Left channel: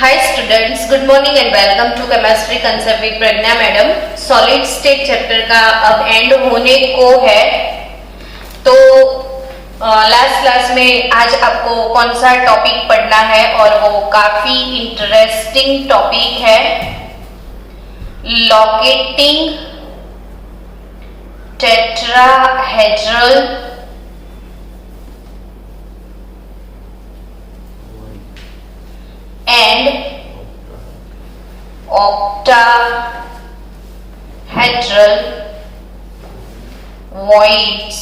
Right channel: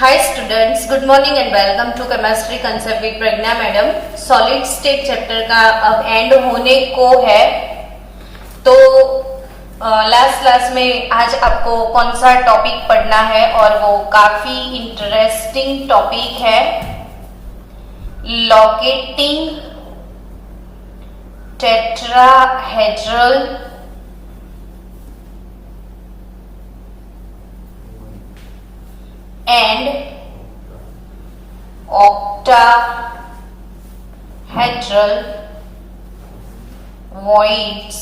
Hi students, good morning and welcome to Chemistry Concept with Pragya madam. Solid state chapter का अब and होने को है, तो लास्ट क्लास में आज आपको कौन सा टॉपिक पढ़ना है और वो काफी इंटरेस्टिंग टॉपिक है, locating tetrahedral and octahedral voids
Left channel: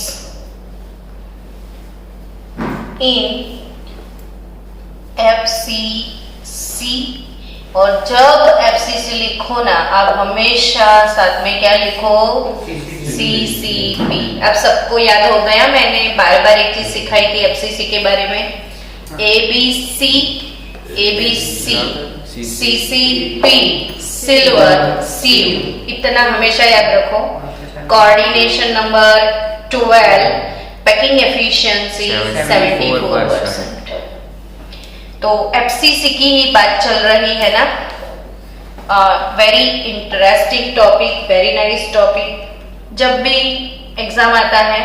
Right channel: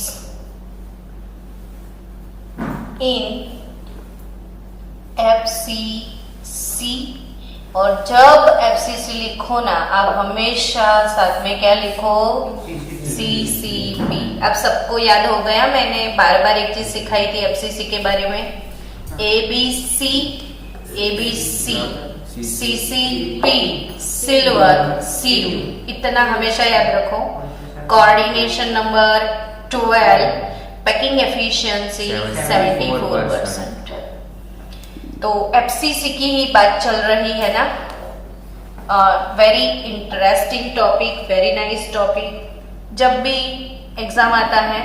in FCC। और जब FCC लिखो ना, आप हमेशा साथ में क्या लिखो, CCP। अब सबको याद हो गया, मैंने बार बार एक चीज सिखाई थी FCC के बारे में, ABC CCP सिल्वर CU, इतना हमेशा याद रखो। Coordination number 12, packing efficiency 74%। तो FCC की ही बात चल रही है ना। Very interesting topic, very nice topic. जब भी एग्जाम आता है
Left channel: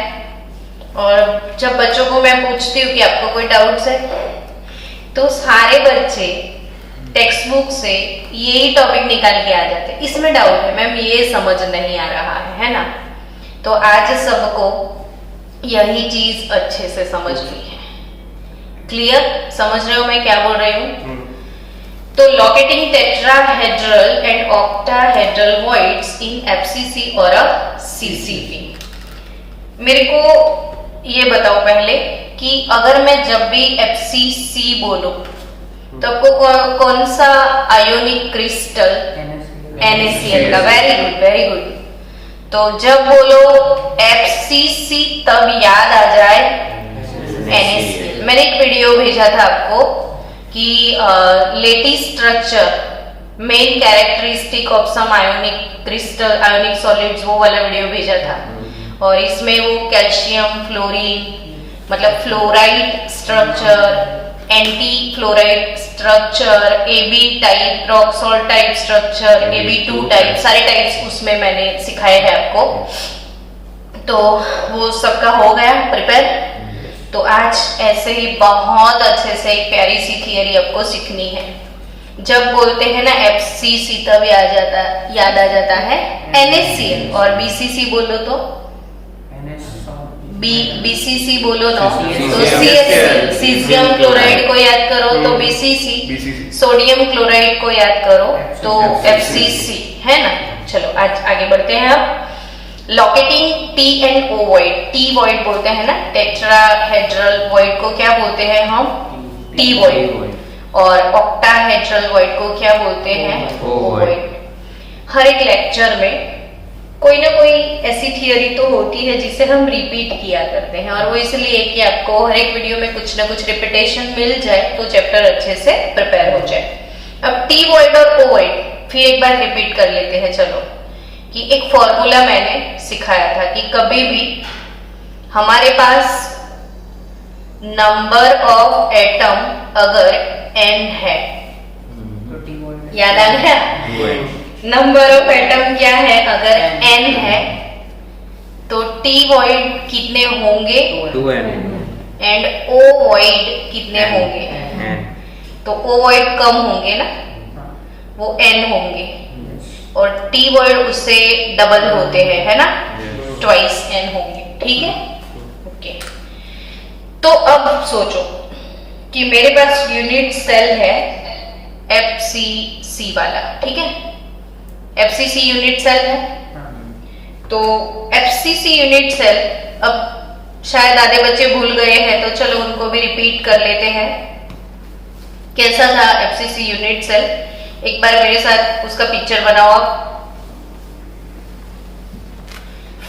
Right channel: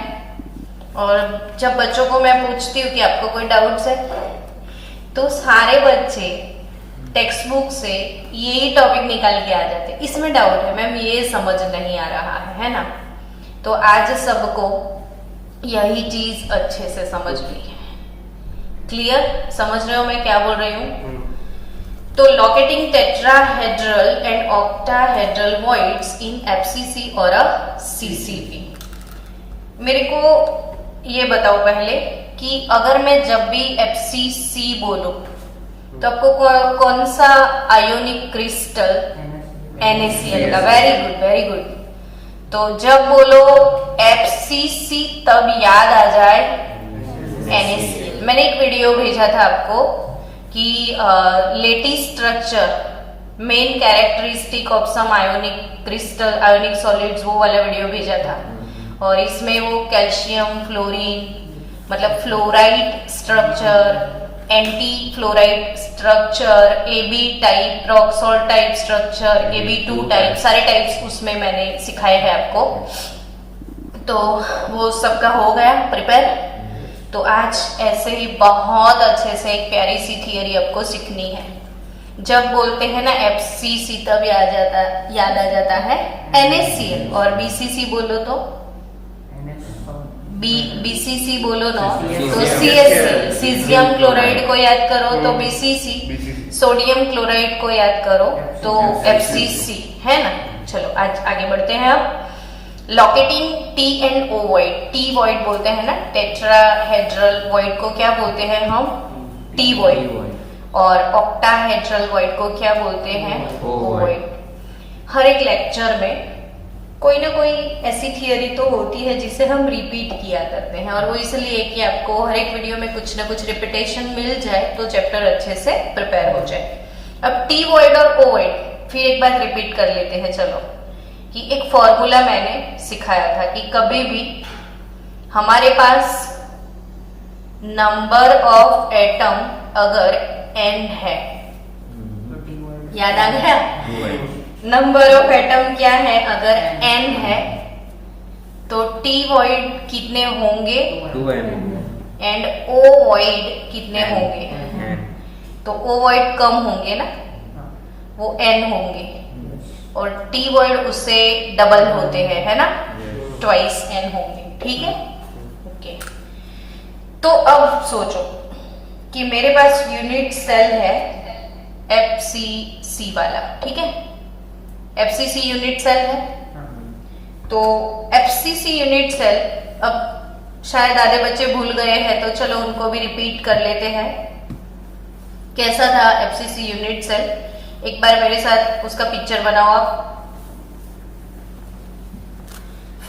और जब बच्चों को मैं पूछती हूँ कि आपको कोई डाउट्स है, तो सारे बच्चे टेक्स्ट बुक से यही टॉपिक निकाल के आ जाते हैं, इसमें डाउट है मैम, ये समझ नहीं आ रहा है ना। तो आज सबको यही चीज अच्छे से समझनी है। क्लियर? समझ रहे हो मैं क्या बोल रही हूँ? तो locating tetrahedral and octahedral voids in FCC और CCP। मेरे को ये बताओ पहले कि अगर मैं जब भी FCC बोलूं तो आपको कौन सा आयोनिक क्रिस्टल, NaCl का। Very good, very good. तो जब बोलो FCC तब याद आ जाए NaCl। मैंने एक वीडियो भेजा था आपको कि lattice structure, main characteristic of some ionic crystal, ionic solids, वो वाला वीडियो भेजा था। और इसमें वो कैल्शियम, फ्लोरीन, मतलब fluoride structure, anti fluoride structure, AB type, rock salt type structure, AB2 type, सारे टाइप्स उसमें मैंने सिखाए हैं आपको। तो वो सबका हो गया प्रिपेयर। तो आज ऐसे ही बहुत अच्छे से एक प्यारी सी थियरी आपको सीखनी है। जब बोलते हैं ना FCC तब याद आ जाता है NaCl, और BCC बोलो तो BCC बोलो ना तो CaCl, सीजियम क्लोराइड को याद करो तो BCC, सोडियम क्लोराइड को याद करो तो FCC, है ना। चलो आज आगे बढ़ते हैं। अब locating T and O void, T void बोलते हैं ना, टेट्राहेड्रल वॉइड को क्या बोलते हैं हम, T वॉइड। और ऑक्टाहेड्रल वॉइड को क्या बोलते हैं, O वॉइड। हर एक लेक्चर में कोई ना कोई ऐसी थियरी तो होती है जिसे हम रिपीट किया करते हैं, और वो इसलिए कि आपको हर एक वीडियो में कुछ ना कुछ रिपीटेशन मिल जाए तो चैप्टर अच्छे से प्रिपेयर हो जाए। अब T वॉइड और O वॉइड फिर एक बार रिपीट कर लेते हैं। चलो, कि एक फॉर्मूला मैंने सिखाया था कि कभी भी हमारे पास नंबर ऑफ एटम अगर n है, याद आ गया? नंबर ऑफ एटम क्या है, अगर n है तो T वॉइड कितने होंगे, 2n, एंड O वॉइड कितने होंगे, तो O वॉइड कम होंगे ना, वो n होंगे, और T वॉइड उससे डबल होते हैं, है ना, ट्वाइस n होंगे। ठीक है, ओके। तो अब सोचो कि मेरे पास यूनिट सेल है FCC वाला, ठीक है, FCC यूनिट सेल है। तो FCC यूनिट सेल, अब शायद आधे बच्चे भूल गए हैं तो चलो उनको भी रिपीट कर लेते हैं। कैसा था FCC यूनिट सेल, एक बार मेरे साथ उसका पिक्चर बनाओ आप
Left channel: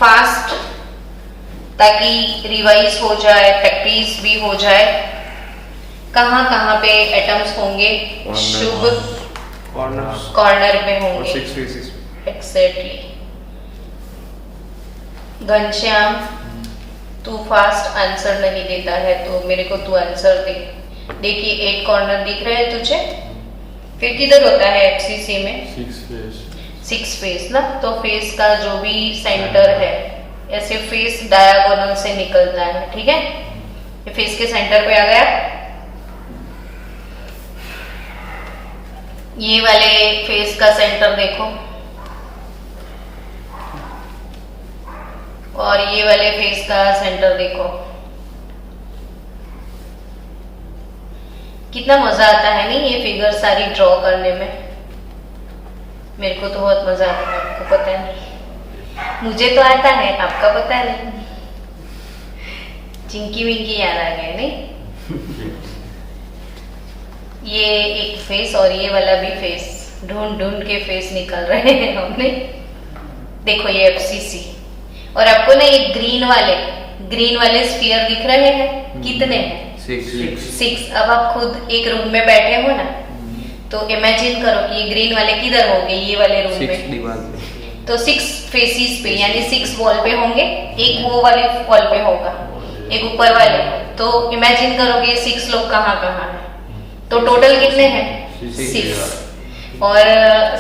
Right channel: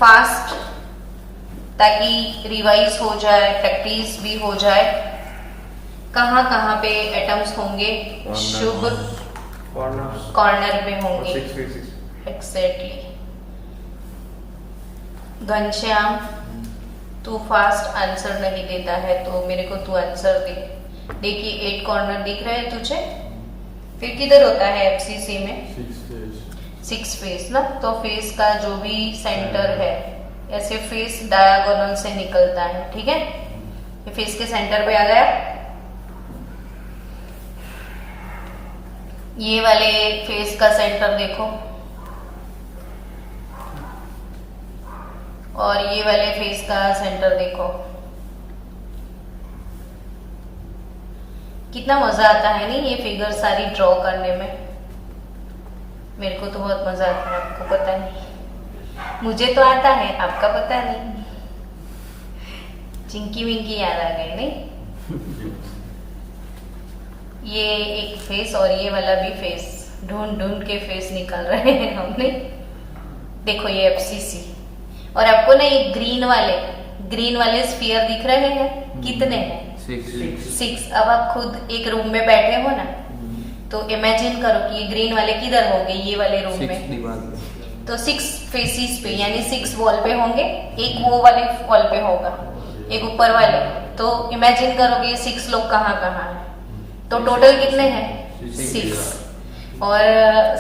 फास्ट, ताकि रिवाइज हो जाए, प्रैक्टिस भी हो जाए। कहाँ कहाँ पे एटम्स होंगे, शुभ कॉर्नर पे होंगे, एग्जैक्टली। घनश्याम, तू फास्ट आंसर नहीं देता है तो मेरे को तू आंसर दे। देखिए 8 कॉर्नर दिख रहे हैं तुझे, फिर किधर होता है एफसीसी में? 6 फेस ना, तो फेस का जो भी सेंटर है ऐसे फेस डायगोनल से निकलता है, ठीक है। ये फेस के सेंटर पे आ गया। ये वाले फेस का सेंटर देखो, और ये वाले फेस का सेंटर देखो। कितना मजा आता है नहीं ये फिगर सारी ड्रॉ करने में। मेरे को तो बहुत मजा आता है, आपको पता नहीं, मुझे तो आता है, आपका पता नहीं। चिंकी विंकी याद आ गए नहीं। ये एक फेस और ये वाला भी फेस, ढूंढ ढूंढ के फेस निकल रहे हैं हमने। देखो ये एफसीसी, और आपको ना ये ग्रीन वाले स्फीयर दिख रहे हैं, कितने हैं? 6। अब आप खुद एक रूम में बैठे हो ना, तो इमेजिन करो कि ये ग्रीन वाले किधर होंगे, ये वाले रूम में, तो 6 फेसिस पे यानी 6 वॉल पे होंगे, एक वो वाले वॉल पे होगा, एक ऊपर वाले। तो इमेजिन करो कि 6 लोग कहाँ कहाँ हैं, तो टोटल कितने हैं? 6। और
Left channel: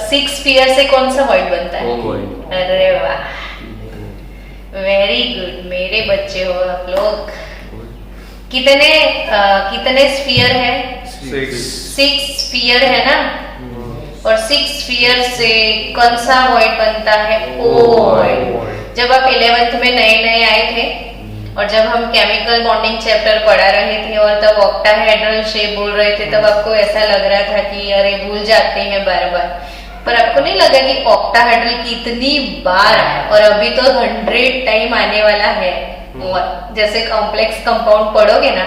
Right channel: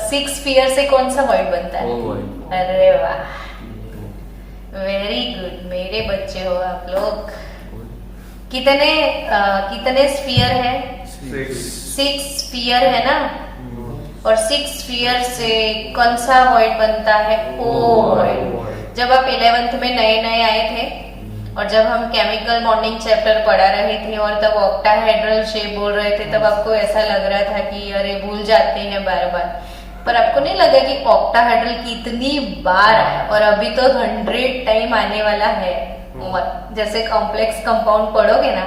6 स्फीयर से कौन सा वर्ड बनता है? अरे वाह, वेरी गुड, मेरे बच्चे हो आप लोग। कितने स्फीयर है? 6 स्फीयर है ना, और 6 स्फीयर से कौन सा वर्ड बनता है? ओवॉइड। जब आप 11th में नए आए थे और जब हम केमिकल बॉन्डिंग चैप्टर पढ़ा रहे थे और तब ऑक्टाहेड्रल शेप बोल रहे थे, तब आपको ऐसा लग रहा था कि अरे भूल जाते हैं बार बार, पर आपको नहीं लगा कि ऑक्टाहेड्रल कितनी बार है, और अभी तो 100 टाइम आने वाला है। और जैसे कॉम्प्लेक्स कंपाउंड पढ़ोगे ना,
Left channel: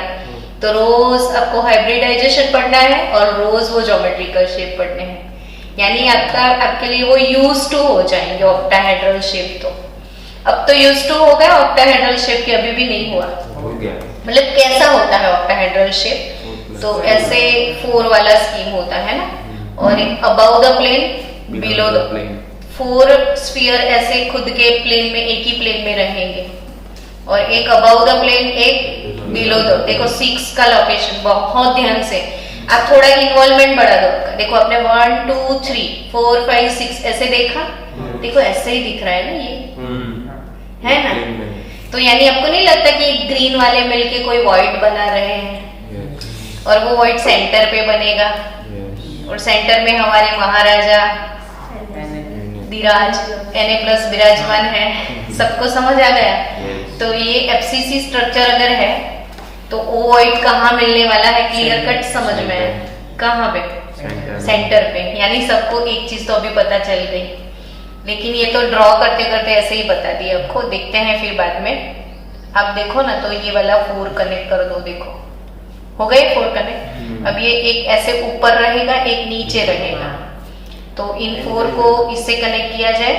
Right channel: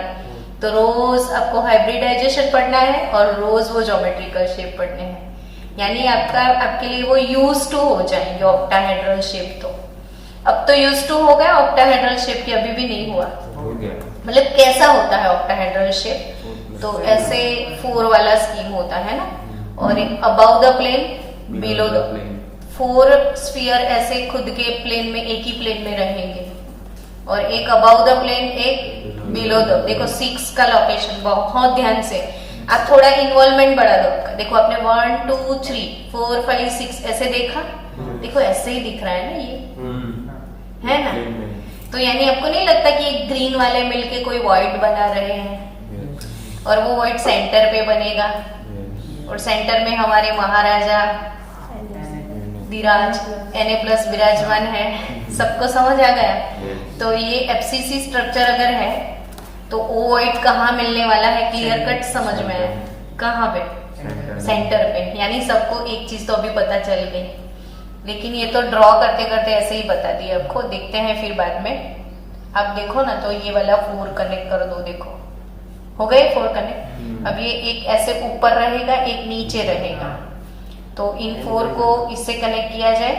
तो रोज आपको हाइब्रिडाइजेशन पढ़ना है और रोज वो ज्योमेट्रिकल शेप पढ़ने हैं, यानी आपके लिए वो यूज टू हो जाएंगे ऑक्टाहेड्रल शेप। तो अब तो यूज टू हो गया, ऑक्टाहेड्रल शेप की अभी भी नहीं हुआ, हो गया। मतलब कैसा होता है ऑक्टाहेड्रल शेप? तो ऐसे 4 वाला स्कीम होता है ना, और एक above the plane, below the plane, 4 sphere ऐसे खुद के प्लेन में, एक ही प्लेन में रहेंगे, और एक अबव द प्लेन, एक बिलो द। देखो 6 का लोकेशन, बहुत ध्यान से आप थोड़ा इन्वॉल्वमेंट बढ़ा दो। देखो आपने 1 2 3 4 5 6 ऐसे देखा, देखो ऐसे ही दिख रहा है ना, ये है ना, तो यानी आपको नहीं लगता कि ग्रीन वाले मिलके कोई वॉइड बना रहे हैं, और वो वॉइड सेंटर पे बनेगा, और सेंटर में हमारे महाराजा धीराज Na+ विराजमान है। सबको समझ आ गया? तो ये एफसीसी स्ट्रक्चर अगर है तो ओवॉइड कहाँ मिलने वाला है? क्लियर कट समझ में है? कहाँ पे? सेंटर पे। यानी सबको एक चीज तो अभी पता चल गई, लेकिन ये तो ड्रॉ करते करते ऐसे ही बता दिया आपको, देखते हैं फिर बाद में। अब देखो ना, तो ये वाला 4 कनेक्ट कर दो, देखो हो गए 4 कनेक्ट। अब ये एक ऐसे ऊपर रहेगा, एक नीचे रहेगा, तो इन 4 को इससे कनेक्ट किया जाए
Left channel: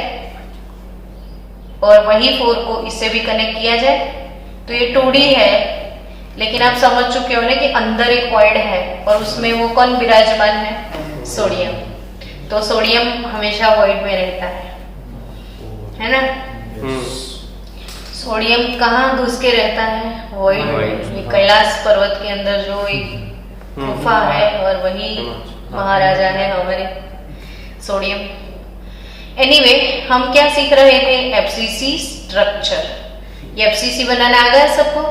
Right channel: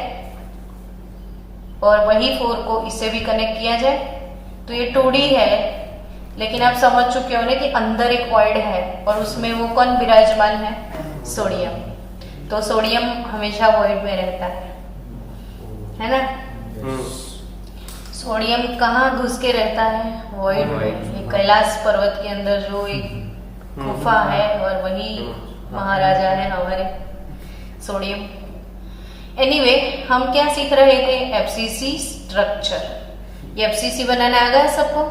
और वही 4 को इससे भी कनेक्ट किया जाए, तो ये 2D है, लेकिन आप समझ चुके हो ना कि अंदर एक वॉइड है, और उसमें वो कौन विराजमान है? सोडियम। तो सोडियम हमेशा वॉइड में रहता है ना। सोडियम कहाँ घुस के रहता है? वॉइड। ये कैलाश पर्वत के अंदर जो एक गुफा है, और वही महाराजा है हमारे सोडियम। एनीवे, हम क्या सीख रहे थे? FCC structure. ये एफसीसी बनाना आ गया सबको?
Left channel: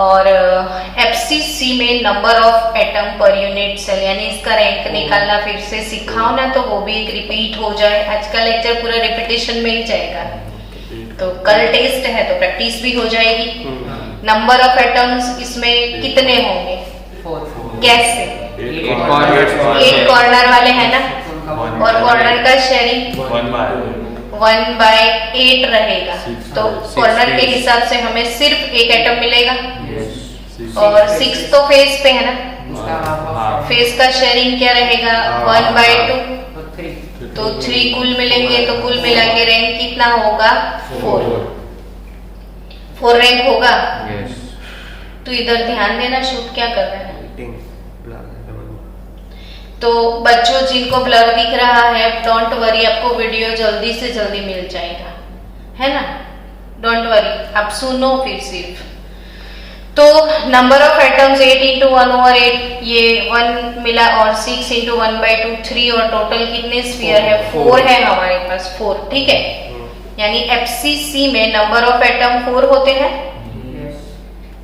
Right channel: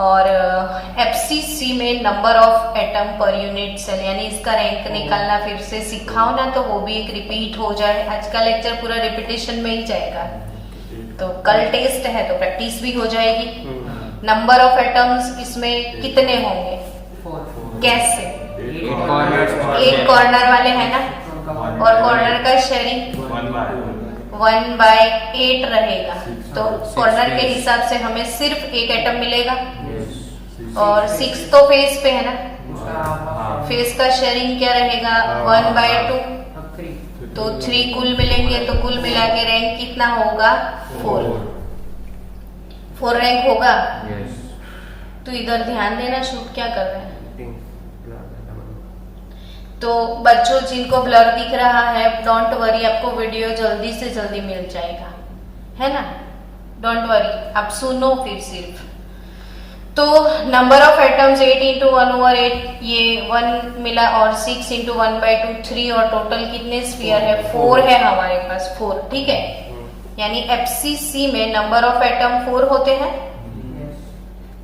और एफसीसी में number of atom per unit cell, यानी इसका रैंक निकालना फिर से सिखाओ ना, तो वो भी एक रिपीट हो जाए। आज का लेक्चर पूरा रिपीटेशन में ही जाएगा, तो कल टेस्ट है तो प्रैक्टिस भी हो जाएगी। नंबर ऑफ एटम्स इसमें कितने होंगे? कैसे? एक कॉर्नर वाले है ना, और कॉर्नर का शेयरिंग 1/8 रहेगा, तो कॉर्नर के हिसाब से हमें सिर्फ एक एटम मिलेगा। और 6 तो फेस पे है ना, फेस का शेयरिंग क्या रहेगा? 1/2, तो 3 कुल मिलेंगे, तो कुल मिला के रैंक कितना होगा? 4 रैंक होगा। तो इधर ध्यान देना, शूट क्या कर रहा है? तो बच्चों जिनको ब्लर दिख रहा है, डोंट वरी, आपको वीडियो जल्दी से जल्दी मिल जाएगा, है ना, डोंट वरी, आप सुनो फिर सिर्फ। तो नंबर ऑफ एटम्स 8 इंटू 1/8, ये 1 मिला, और 6 इंटू 1/2 3, और टोटल कितने स्फीयर है? 4 है हमारे पास, 4। ठीक है, यानी FCC में नंबर ऑफ एटम 4 होते हैं।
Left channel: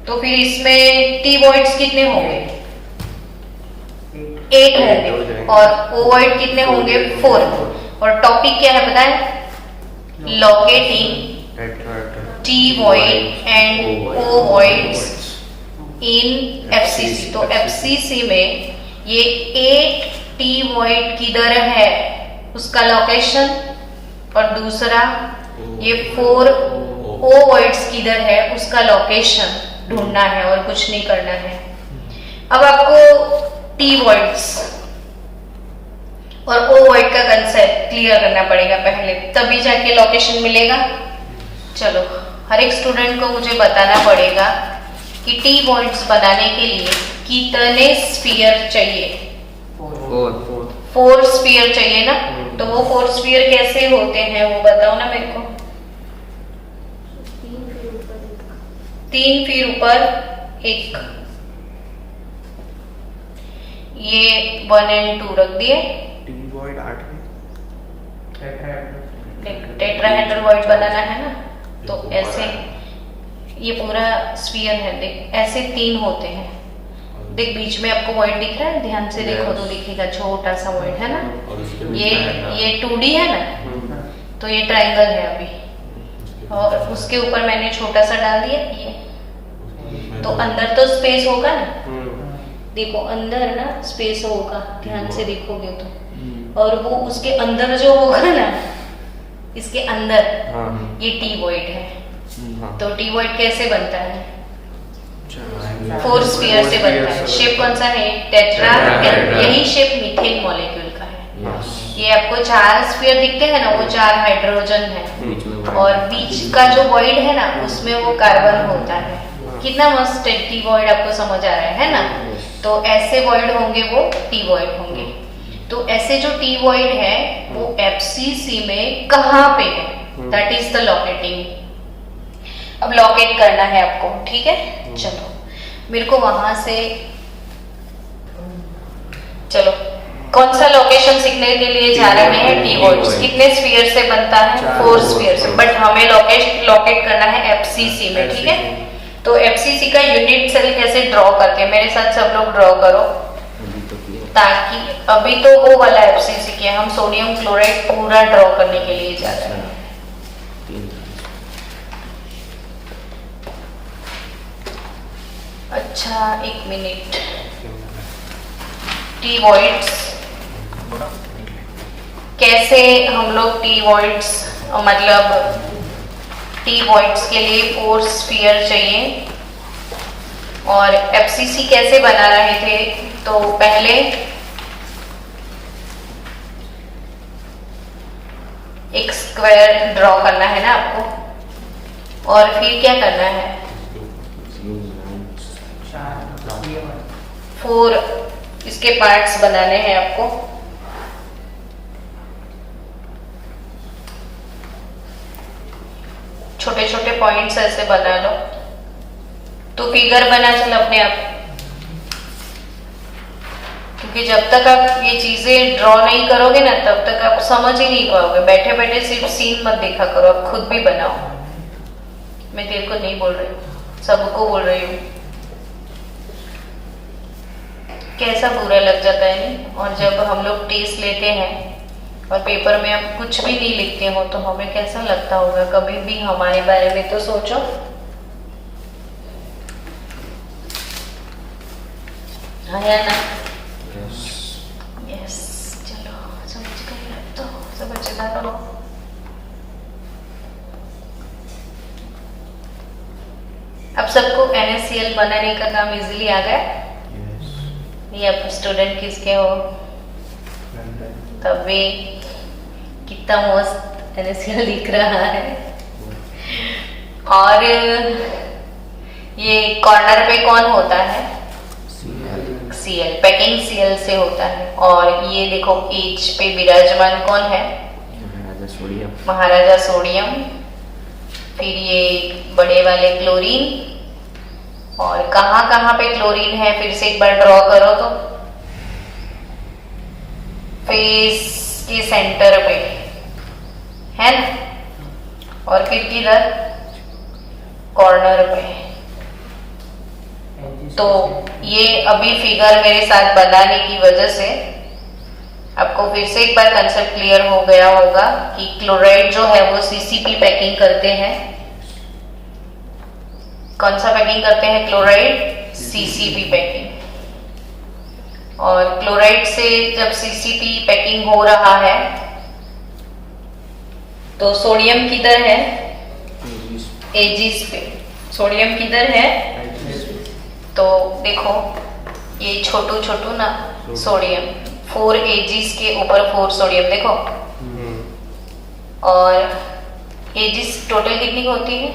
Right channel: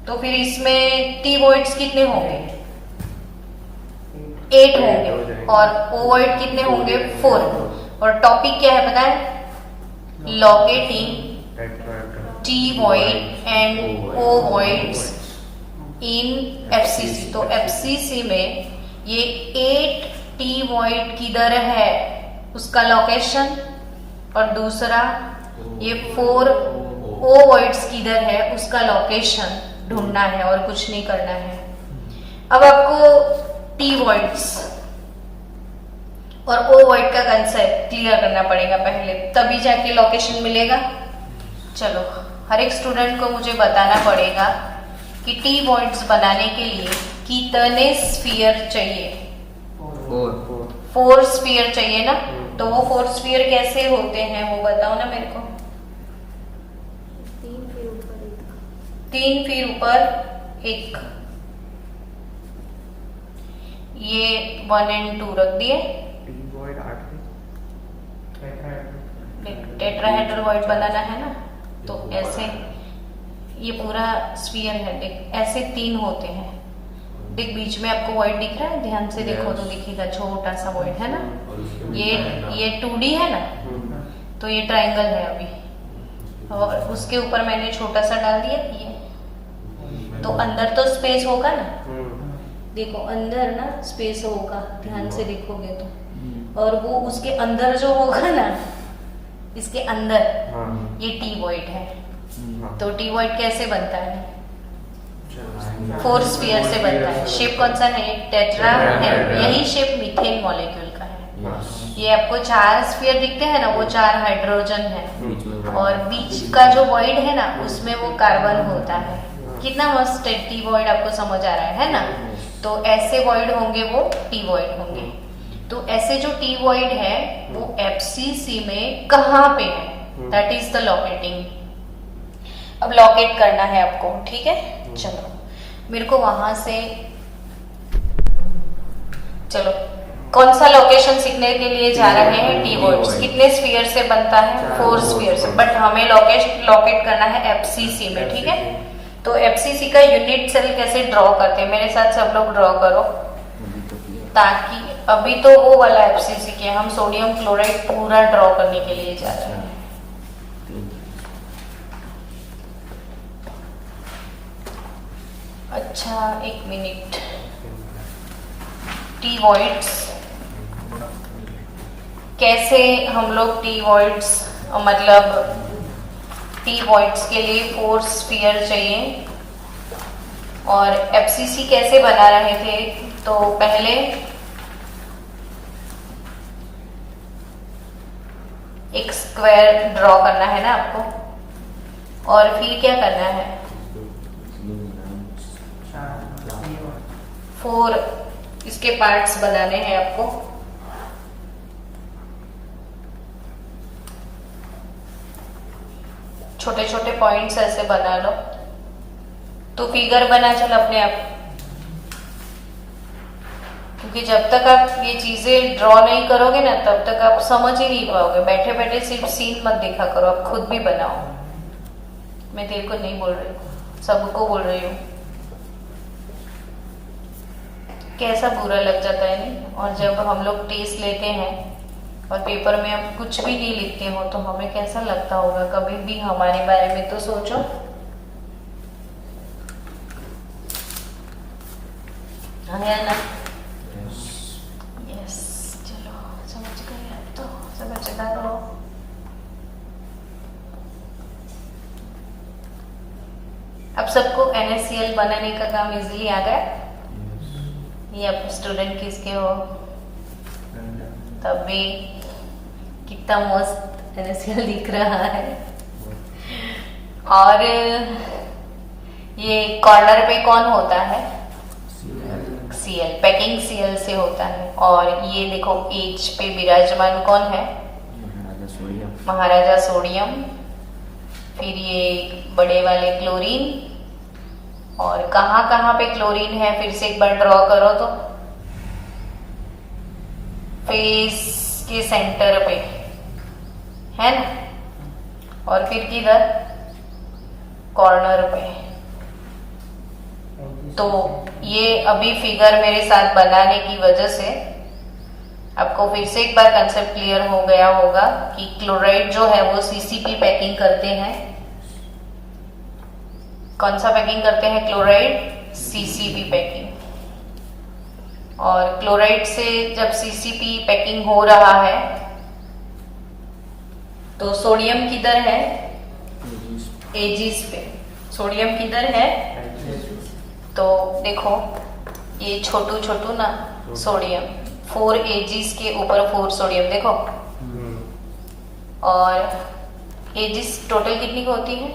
तो फिर इसमें टी वॉइड्स कितने होंगे? 8 होंगे, और ओवॉइड कितने होंगे? 4। और टॉपिक क्या है पता है? Locating T void and O voids in FCC। तो FCC में ये 8 टी वॉइड किधर है उसका लोकेशन, और दूसरा ये 4 ओवॉइड्स किधर है उसका लोकेशन ढूंढना है, और कुछ नहीं करना है। अब आपको टी वॉइड्स और ओवॉइड का कंसेप्ट क्लियर करना पड़ेगा पहले, तभी जाके लोकेशन मिलेगा। चलो, हर एक स्टूडेंट को मुझे बताना पड़ेगा कि टी वॉइड्स बनाने के लिए कितने स्फीयर चाहिए? 4 स्फीयर चाहिए ना। तो वो 4 स्फीयर कैसे होते हैं वो बताओ ना मेरे को। 3 फिर ऊपर 1, ये 1 और 2 रख दिए। टेट्राहेड्रल वॉइड बनाना है ना, तो ऐसे ये पूरा स्फीयर है, देख ऐसे 3 होते हैं। देख बीच में आपको वॉइड दिख रहा है, ध्यान से देखो तो दिखेगा, छोटा सा वॉइड है ना। ये 2D है ना, तो ये ट्रायंगल है अभी, और उसके ऊपर मैंने छोटा सा डाल दिया ये। तो अंदर तो स्पेस होगा ना, देखो अंदर ना स्पेस होगा, ध्यान से देखोगे तो। और वो उसके अंदर जो होगा ना, इसके अंदर ये टी वॉइड है। तो टी वॉइड कैसे बनता है? 4 स्फीयर से बनता है। शेप कौन सा है? टेट्राहेड्रल। यही शेप मीथेन मॉलिक्यूल का है। ये आपको 4 स्फीयर दिखते हैं ना, वो 4 हाइड्रोजन है, और बीच का जो वॉइड है ना उसमें वो कार्बन होता है। कितना मस्त टी वॉइड आपको समझ आ रहा है ना। तो ऐसे वॉइड होंगे वो टी वॉइड होंगे। तो ऐसे जो टी वॉइड है वो FCC में कहाँ पे है? That is the locating. अब लोकेट करना है आपको, ठीक है। चलो मेरे को वहां से, चलो कौन सा लोकेशन सीखने के लिए जा रहे हैं? T voids. कितने स्फीयर से बनता है? 4 स्फीयर से, बट हमें लोकेट करना है FCC में, ठीक है। तो FCC का यूनिट सेल कैसे ड्रॉ करके, मेरे साथ सब लोग ड्रॉ करो, ताकि अभी तो वो वाला FCC के हम सोडियम क्लोराइड पूरा ड्रॉ करने के लिए जा रहे हैं। अच्छा 1 मिनट। टी वॉइड्स कैसे हम लोग टी वॉइड्स, मतलब टी वॉइड्स के लिए 4 स्फीयर चाहिए, और FCC कैसे बना रहे थे? तो पहले एक स्क्वायर ड्रॉ करना है ना आपको, और फिर क्या करना है? 4 इसके पार्ट्स बनाने हैं आपको। छोटे छोटे पॉइंट्स ऐसे बना लो, तो फिगर बना चल अपने आप। क्योंकि जब तक आप ये चीजें ड्रॉ नहीं करोगे ना, तब तक आप समझ ही नहीं पाओगे। बैठे बैठे सिर्फ सीन मत देखा करो, आप खुद भी बनाओ। मैं तेरे को नहीं बोल रही हूँ, सबको बोल रही हूँ। कैसा बुरा लग जाता है नहीं? और जब हम लोग टेस्ट लेते हैं और पेपर में आप कुछ भी नहीं लिखते हो, तो हमें कैसा लगता होगा? कभी भी हमारे बारे में तो सोचो। हाँ या ना? यस। चलो समझ गए, तो समझना करो। अब सबको NaCl बनाने का काम इजीली आ गया। ये आप स्टूडेंट किसके हो? तभी कितना मस्त NaCl दिख रहा है। और ये कॉर्नर पे कौन होता है? Cl, पैकिंग Cl से होता है। और ये देखो H पे विराजमान कौन है? महाराजा सोडियम। फिर ये बड़े वाले क्लोरीन, और कहाँ कहाँ पे क्लोरीन है फिर से एक बार ड्रॉ करो तो फेस के सेंटर पे है ना, और फिर किधर कॉर्नर पे। तो ये अभी फिगर मेरे साथ बनाने की वजह से आपको फिर से एक बार कंसेप्ट क्लियर हो गया होगा कि क्लोराइड जो है वो सीसीपी पैकिंग करते हैं। कौन सा पैकिंग करते हैं क्लोराइड? CCP packing. और क्लोराइड से जब सीसीपी पैकिंग हो रहा है तो सोडियम किधर है? एजिस पे। सोडियम किधर है? तो देखो ये छोटू छोटू ना सोडियम, 4 एजिस के ऊपर 4 सोडियम देखो। और एजिस टोटल कितनी होती है?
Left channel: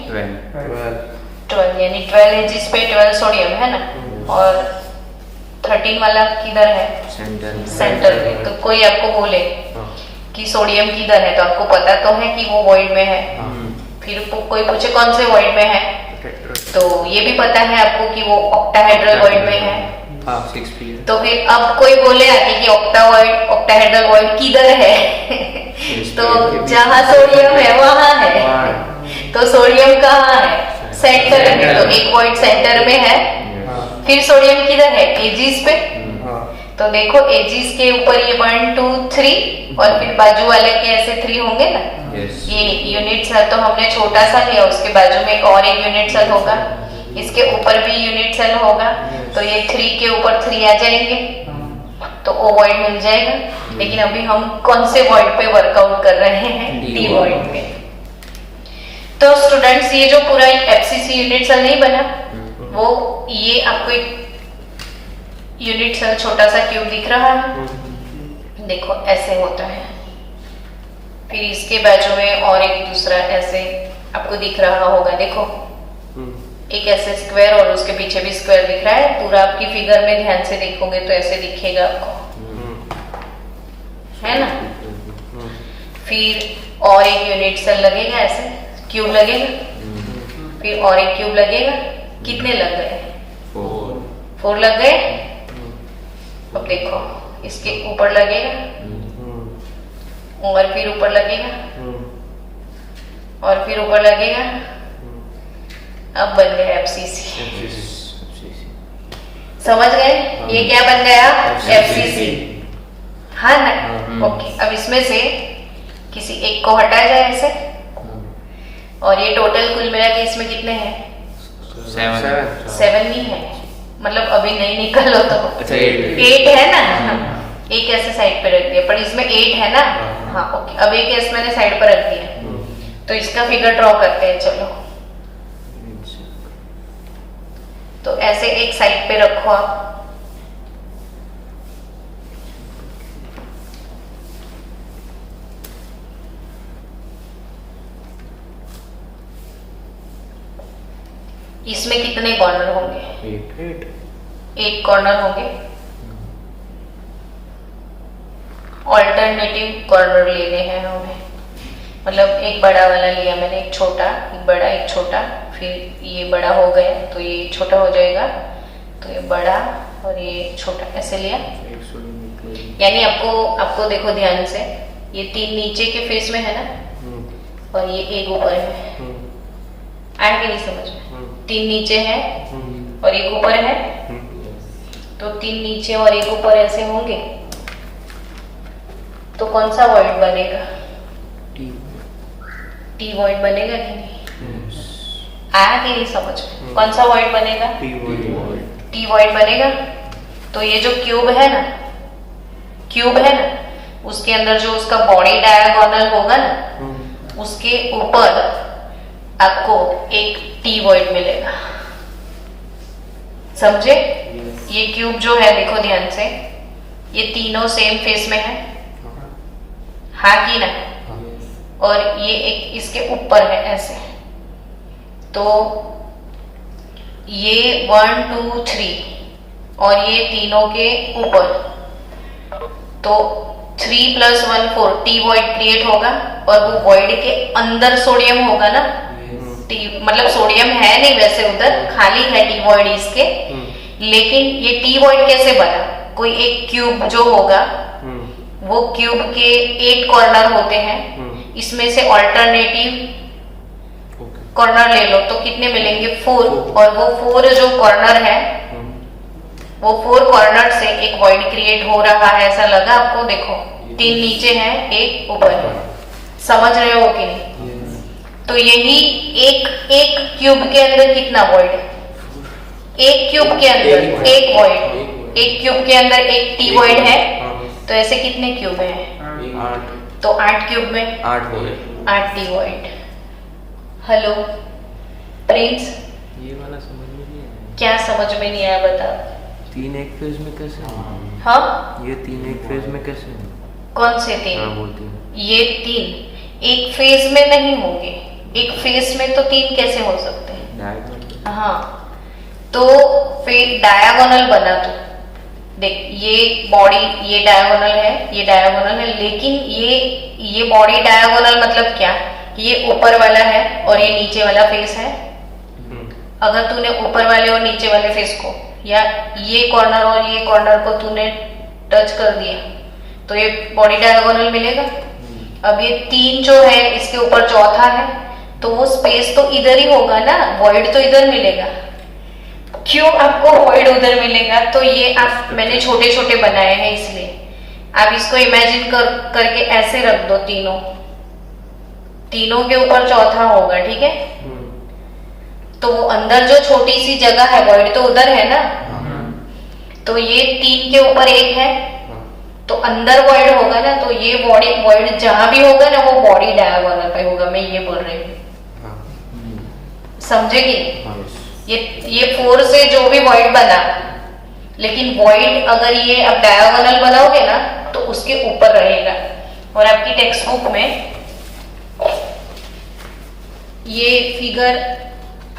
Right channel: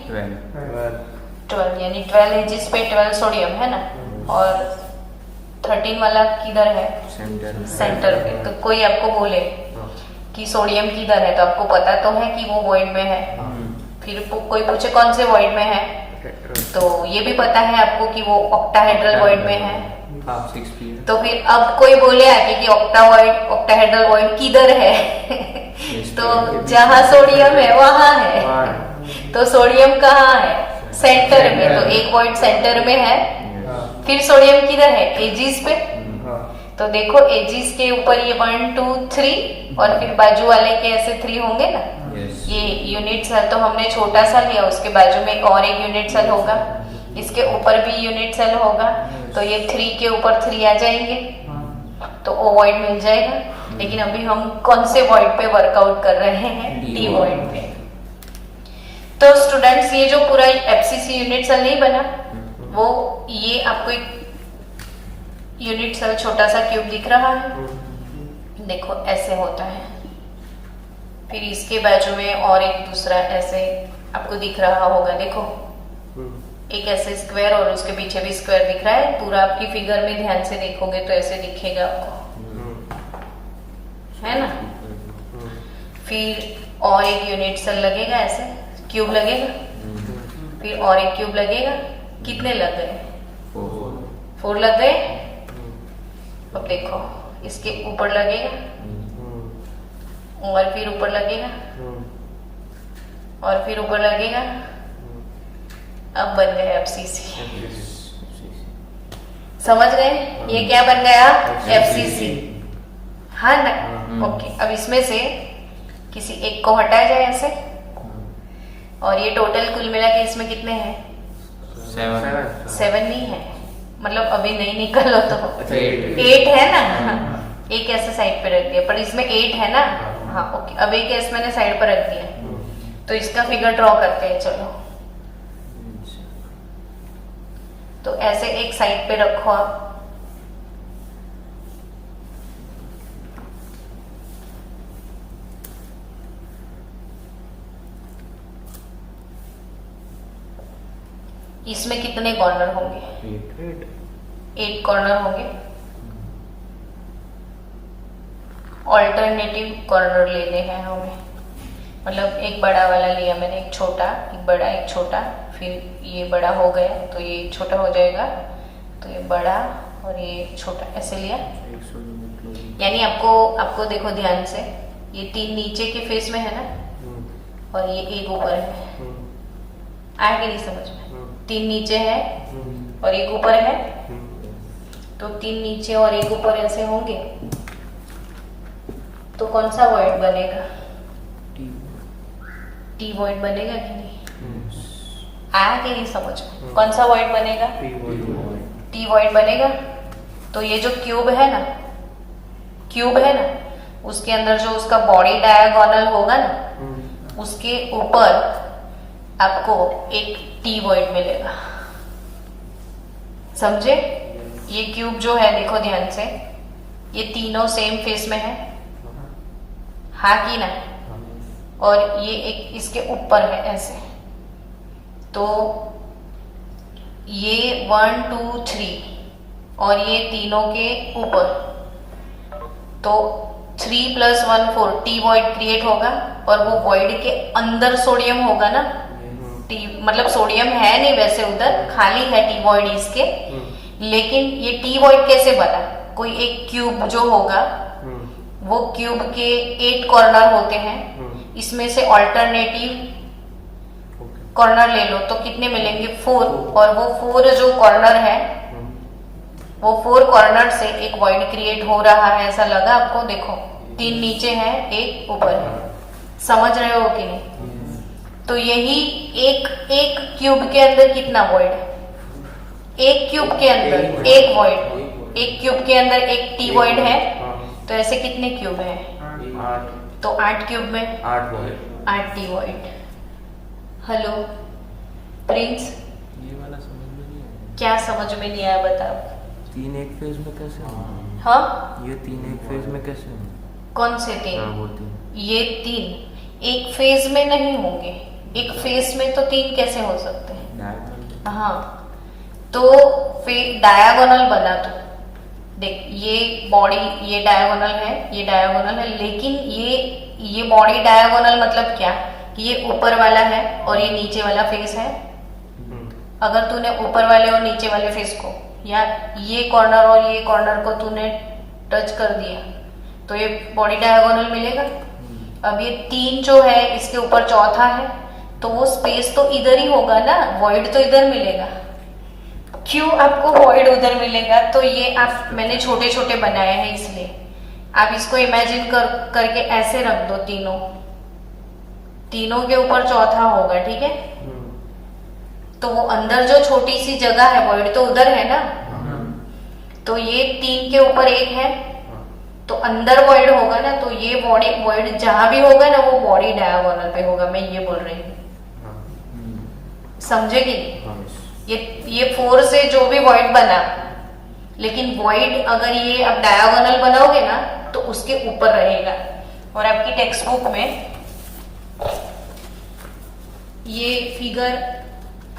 12, यानी 12 एजिस पे 12 सोडियम है ना। और 13 वाला किधर है? सेंटर में। तो कोई आपको बोले कि सोडियम किधर है तो आपको पता तो है कि वो वॉइड में है। फिर कोई पूछे कौन से वॉइड में है तो ये भी पता है आपको कि वो ऑक्टाहेड्रल वॉइड में है। तो फिर अब कोई बोले आके कि ऑक्टाहेड्रल वॉइड किधर है तो जहां सोडियम है वहां है। तो सोडियम कहाँ है? सेंटर में। तो एक वॉइड सेंटर में है। फिर सोडियम किधर है? एजिस पे। तो देखो एजिस के ऊपर ये 1 2 3 और फिर बाजू वाले के ऐसे 3 होंगे ना। ये यूनिट सेल तो हमने छोटा सा लिया, उसके बाजू में और एक यूनिट सेल होगा, इसके ऊपर भी यूनिट सेल होगा। तो ये 3 के ऊपर 3 आ जाएंगे तो ओवॉइड मिल जाएगा। लेकिन अभी हम कौन से वॉइड पे वर्कआउट कर रहे हैं? डी वॉइड पे। तो स्टूडेंट्स ये जो पूरा एफसीसी यूनिट सेल नहीं बना, वो ये आपको एक यूनिट सेल छोटा सा क्यूब दिख रहा है, देखो ऐसे होता है। फिर इसके बाजू में और एक दूसरा ऐसे आपको दिख रहा होगा, देखो एक ऐसे स्क्वायर और उसके पीछे भी स्क्वायर दिख रहा है। पूरा आपकी फिगर में ध्यान से देखोगे तो ऐसे दिखेगा आपको, है ना। फिर और एक यूनिट सेल लगेगा, ऐसे क्यूब लगेगा, फिर और एक क्यूब लगेगा। कितने लग गए? 4 लग गए। अब देखो इसके ऊपर लगेगा और फिर ऊपर लगेगा और फिर ऊपर लगेगा। अब बन गया एफसीसी। समझ गए? ये क्या बन गया? एफसीसी। हाँ ना। ओके, अब इसमें से किसी एक को हटाया जाए ऐसे। और ये टोटल कुल मिला के इसमें कितने हैं? 7 नहीं है, मतलब अभी नहीं निकलो तो 8 है ना। एक ऐसे साइड पे रख दिया, पर इसमें 8 है ना। हाँ ओके, अब एक ऐसे मैंने साइड पर रख दिया। तो इसका फिगर ड्रॉ करते हैं, चलो। तो ऐसे एक साइड पे रखो आप। इसमें कितने कॉर्नर होंगे? 8 कॉर्नर होंगे। ऑल्टरनेटिव कॉर्नर लेने हैं हमें, मतलब एक बड़ा वाला लिया मैंने, एक छोटा, एक बड़ा, एक छोटा, फिर ये बड़ा हो गया तो ये छोटा हो जाएगा, तो ये बड़ा और ये छोटा ऐसे लिया। यानी आपको देखो ध्यान से, ये 3 नीचे के फेस में है ना और ये एक ऊपर है। आया कि नहीं समझ में? 3 नीचे है और एक ऊपर है, तो 3 नीचे और एक ऊपर ऐसे होंगे तो कौन सा वॉइड बनेगा? टी वॉइड बनेगा कि नहीं? आया कि नहीं समझ में? कौन सा वॉइड बनेगा? टी वॉइड बनेगा। तो ये जो क्यूब है ना, उसके अंदर जो उसका बॉडी डायगोनल होगा ना, उसके ऊपर आपको एक टी वॉइड मिलेगा। समझे? ये क्यूब जो है देखो ध्यान से, ये तीनों सेम फेस में है, हाँ कि ना। और ये एक इसके ऊपर है ऐसे, तो ये 1 2 3 और ये तीनों के ऊपर, तो 3 + 1 4 टी वॉइड क्रिएट होगा। और वो वॉइड के अंदर सोडियम होगा ना, टी मतलब सोडियम है नहीं वैसे उधर, खाली है टी वॉइड इसके। लेकिन ये टी वॉइड कैसे बना? कोई एक क्यूब जो होगा वो क्यूब के 8 कॉर्नर होते हैं, इसमें से ऑल्टरनेटिव कॉर्नर ले लो तो कितने मिलेंगे? 4। और वो 4 जो कॉर्नर है वो 4 कॉर्नर से एक वॉइड क्रिएट हो रहा है, ऐसा लगा आपको? देखो 3 नीचे है, 1 ऊपर है, समझ रहे हो कि नहीं? तो यही एक क्यूब के अंदर कितना वॉइड? एक क्यूब के अंदर एक वॉइड, एक क्यूब के अंदर एक टी वॉइड है, तो ऐसे कितने क्यूब है? तो 8 क्यूब में 8 टी वॉइड। हेलो प्रिंस, ये वाला समझ में नहीं आया। क्या समझ में नहीं आया बताओ? 3 एक फेज में कैसे होंगे? हाँ, ये 3 एक फेज में कैसे होंगे? कौन से 3? हाँ वो 3। ये 3 एक फेज में नहीं होंगे। एक फेज में तो 3 कैसे हो सकते हैं? डायगोनल। हाँ, तो फिर डायगोनल बना तो देख, ये बॉडी ये डायगोनल है, ये डायगोनल है, लेकिन ये बॉडी डायगोनल मतलब क्या? ये ऊपर वाला है और ये नीचे वाला फेस है। अगर तूने ऊपर वाले और नीचे वाले फेस को या ये कॉर्नर और ये कॉर्नर को तूने टच कर दिया तो ये बॉडी डायगोनल मिलेगा। अब ये 3 जो है इसके ऊपर चौथा है, तो वो स्पेस तो इधर ही होगा ना, वॉइड तो इधर मिलेगा। क्यों आपको वॉइड उधर मिलेगा? तो ये आप मैंने छोटे छोटे बनाए हैं, इसलिए आप इसको इमेजिन करके ऐसे रख दो, तीनों के ऊपर चौथा होगा, ठीक है? तो वो अंदर जो छोटी सी जगह है वॉइड तो उधर है ना, तो ये 3 के ऊपर 1 है, तो अंदर वॉइड होगा ना, तो ये बॉडी वॉइड जहां भी होगा ना वो बॉडी डायगोनल पे होगा। मैं ये बोल रही हूँ, समझे कि नहीं? ये 4 से जो भी वॉइड बना, लेकिन वॉइड अगर ये अब डायगोनल बनाओगे ना तो उसके ऊपर रहेगा। और आपकी टेक्स्ट बुक में ये फिगर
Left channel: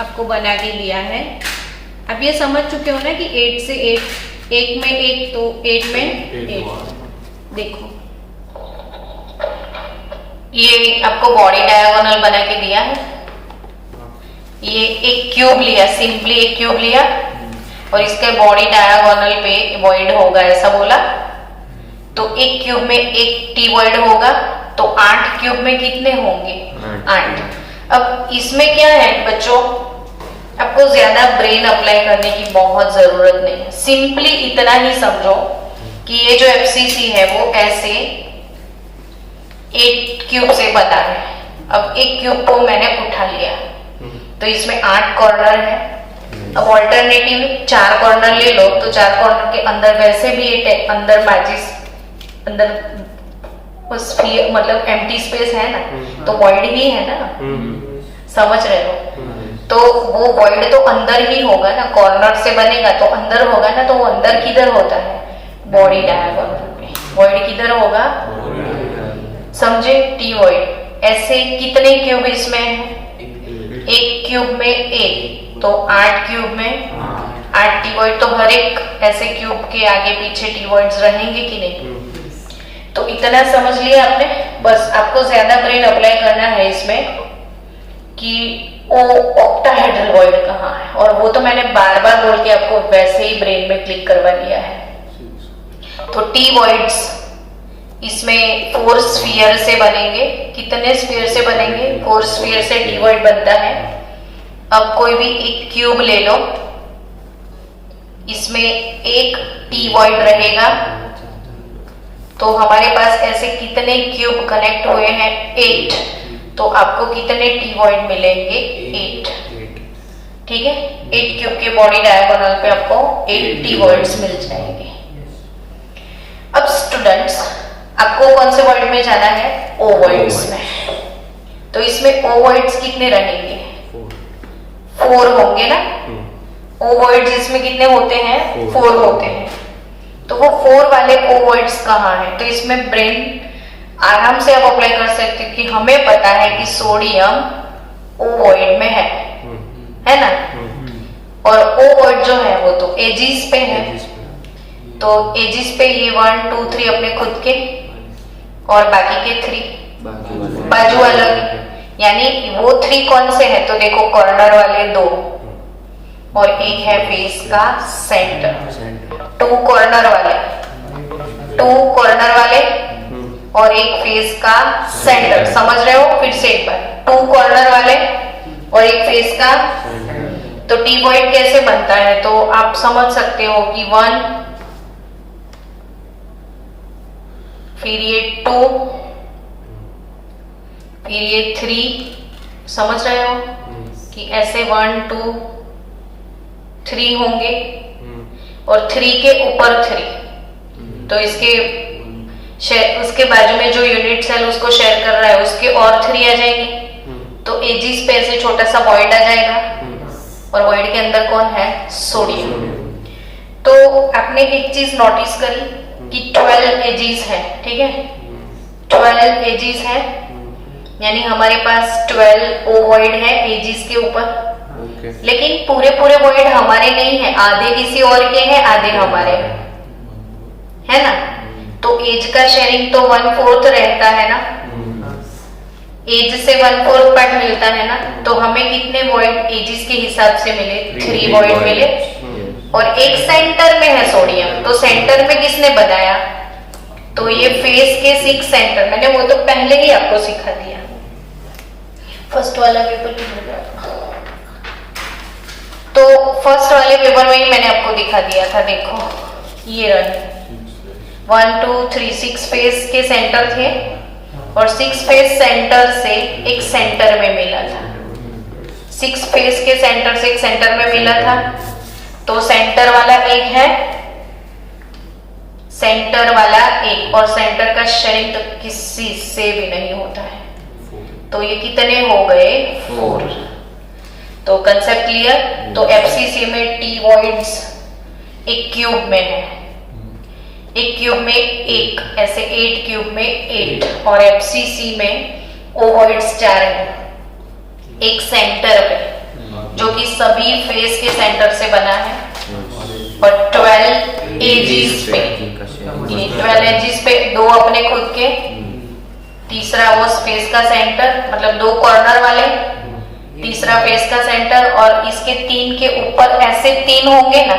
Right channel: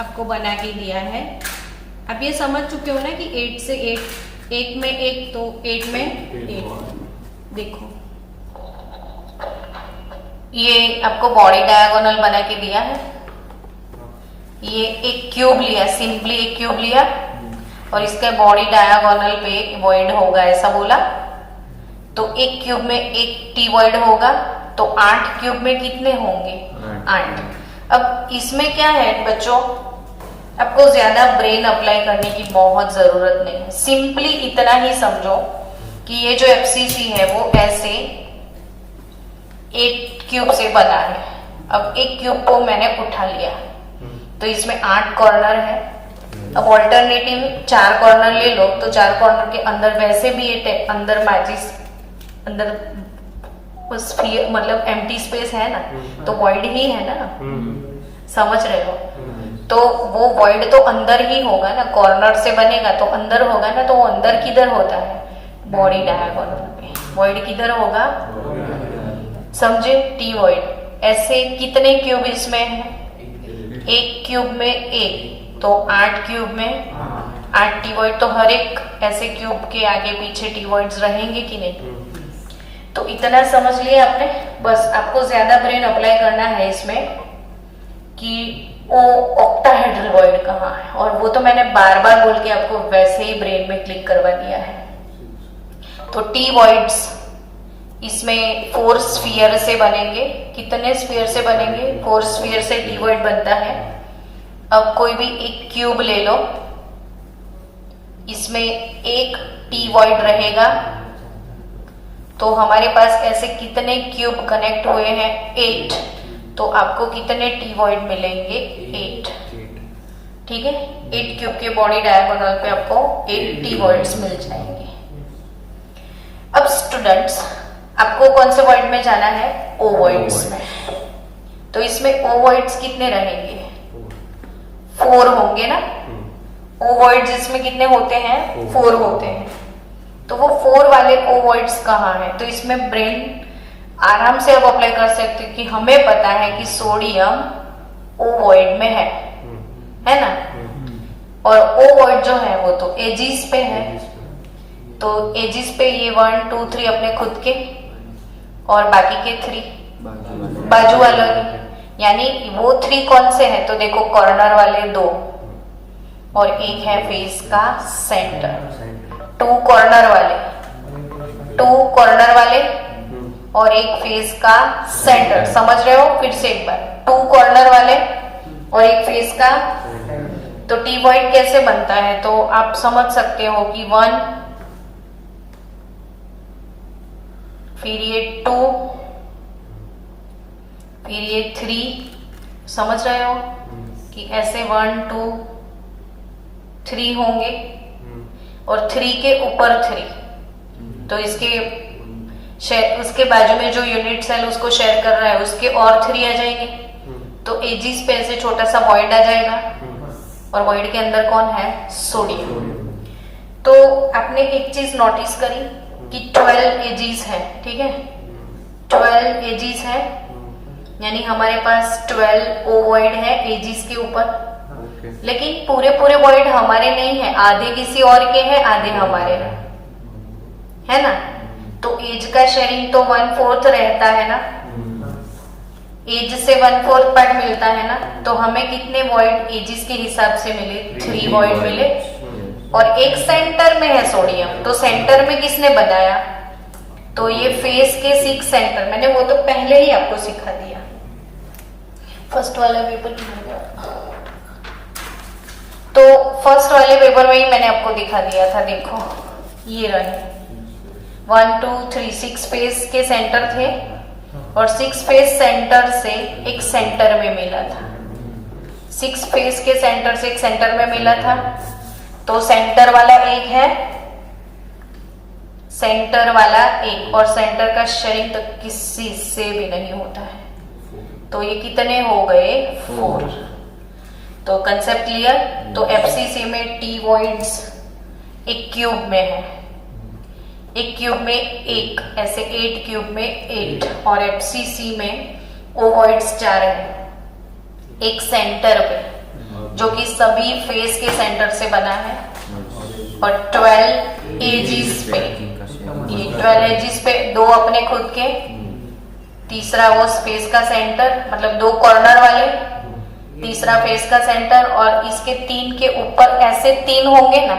आपको बना के दिया है। अब ये समझ चुके हो ना कि 8 से 1 में 1 तो 8 में 8। देखो ये आपको बॉडी डायगोनल बना के दिया है। ये एक क्यूब लिया, सिंपली एक क्यूब लिया और इसके बॉडी डायगोनल पे वॉइड होगा, ऐसा बोला। तो एक क्यूब में एक टी वॉइड होगा, तो 8 क्यूब में कितने होंगे? 8। अब इसमें क्या है बच्चों, आपको ज्यादा ब्रेन अप्लाई करने की बहुत जरूरत नहीं है। सिंपली इतना ही समझो कि ये जो एफसीसी है वो ऐसे 8 क्यूब से बना है। अब एक क्यूब को मैंने उठा लिया तो इसमें 8 कॉर्नर है। अब ऑल्टरनेटिव 4 कॉर्नर ले लो, तो 4 कॉर्नर के अंदर वैसे भी ये अंदर मैजिस अंदर स्फीयर मतलब एम्प्टी स्पेस है ना, तो वॉइड ही है ना, समझ रहे हो? तो वो वॉइड तो अंदर ही होगा ना, कॉर्नर से बनेगा तो अंदर होगा ना, तो वो अंदर किधर होता है? बॉडी डायगोनल पे। वॉइड किधर होगा? समझे? T void. ऐसे कितने क्यूब इसमें है? एक क्यूब में 1, तो 8 क्यूब में 8 टी वॉइड। तो हर एक ऐसे क्यूब के आगे पीछे टी वॉइड्स रहेंगे कि नहीं? तो इतना समझ लिया आपने। बस आपको ज्यादा ब्रेन अप्लाई करना है इसमें कि वो ऑक्टाहेड्रल वॉइड कहाँ है, और वो तो मैंने बार बार बोल के आपको वैसे ही ब्रेन में क्लिक करवा दिया है। तो टी वॉइड्स इसमें 4 स्फीयर से बनेंगे। कितने स्फीयर से बनेंगे? 4 स्फीयर से टी वॉइड बनता है। अब कोई भी एक क्यूब ले लो, इसमें एक टी वॉइड रहेगा, तो हमारे पास ऐसे कितने क्यूब कनेक्ट हुए हैं? 8। तो आपको कितने टी वॉइड मिलेंगे? 8। ठीक है, 8 क्यूब के बॉडी डायगोनल पे आपको 8 टी वॉइड्स मिल जाएंगे। अब स्टूडेंट्स आपको कौन से वॉइड में जाना है? ओवॉइड्स में। तो इसमें ओवॉइड्स कितने रहेंगे? 4 होंगे ना। ओवॉइड्स इसमें कितने होते हैं? 4 होते हैं। तो वो 4 वाले ओवॉइड्स कहाँ है? तो इसमें ब्रेन आराम से आप अप्लाई कर सकते हो कि हमें पता है कि सोडियम ओवॉइड में है ना, और ओवॉइड जो है वो तो एजिस पे है। तो एजिस पे ये 1 2 3 अपने खुद के और बाकी के 3 बाजू वाला के। यानी वो 3 कौन से हैं? तो देखो कॉर्नर वाले 2 और एक है फेस का सेंटर। 2 कॉर्नर वाले और एक फेस का सेंटर। समझ रहे हो? फिर से एक बार, 2 कॉर्नर वाले और एक फेस का। तो टीबॉइड कैसे बनता है? तो आप समझ सकते हो कि 1, फिर ये 2, फिर ये 3। समझ रहे हो कि ऐसे 1 2 3 होंगे और 3 के ऊपर 3। तो उसके बाजू में जो यूनिट सेल उसको शेयर कर रहा है उसके और 3 आ जाएंगे। तो एजिस पे ऐसे छोटा सा वॉइड आ जाएगा और वॉइड के अंदर कौन है? सोडियम। तो आपने एक चीज नोटिस करी कि 12 एजिस है, ठीक है? 12 एजिस है, यानी हमारे पास 12 ओवॉइड है एजिस के ऊपर। लेकिन पूरे वॉइड हमारे नहीं है, आधे किसी और के हैं, आधे हमारे हैं, है ना? तो एज का शेयरिंग तो 1/4 रहता है ना, एज से 1/4 पार्ट मिलता है ना। तो हमें कितने वॉइड एजिस के हिसाब से मिले? 3 वॉइड मिले। और एक सेंटर में है सोडियम, तो सेंटर में किसने बनाया? तो ये फेस के 6 सेंटर, मैंने वो तो पहले ही आपको सिखा दिया, फर्स्ट वाला पेपर किधर गया? तो फर्स्ट वाले पेपर में ही मैंने आपको दिखा दिया था। देखो ये रहे 1 2 3 6 फेस के सेंटर थे और 6 फेस सेंटर से एक सेंटर में मिला था। 6 फेस के सेंटर से एक सेंटर में मिला था। तो सेंटर वाला एक है, सेंटर वाला एक, और सेंटर का शेयरिंग तो किसी से भी नहीं होता है। तो ये कितने हो गए? 4। तो कंसेप्ट क्लियर? तो एफसीसी में टी वॉइड्स एक क्यूब में है, एक क्यूब में 1, ऐसे 8 क्यूब में 8, और एफसीसी में ओवॉइड्स 4 है एक सेंटर पे, जो कि सभी फेस के सेंटर से बना है। और 12 एजिस पे, ये 12 एजिस पे 2 अपने खुद के, तीसरा वो फेस का सेंटर, मतलब 2 कॉर्नर वाले, तीसरा फेस का सेंटर, और इसके 3 के ऊपर ऐसे 3 होंगे ना,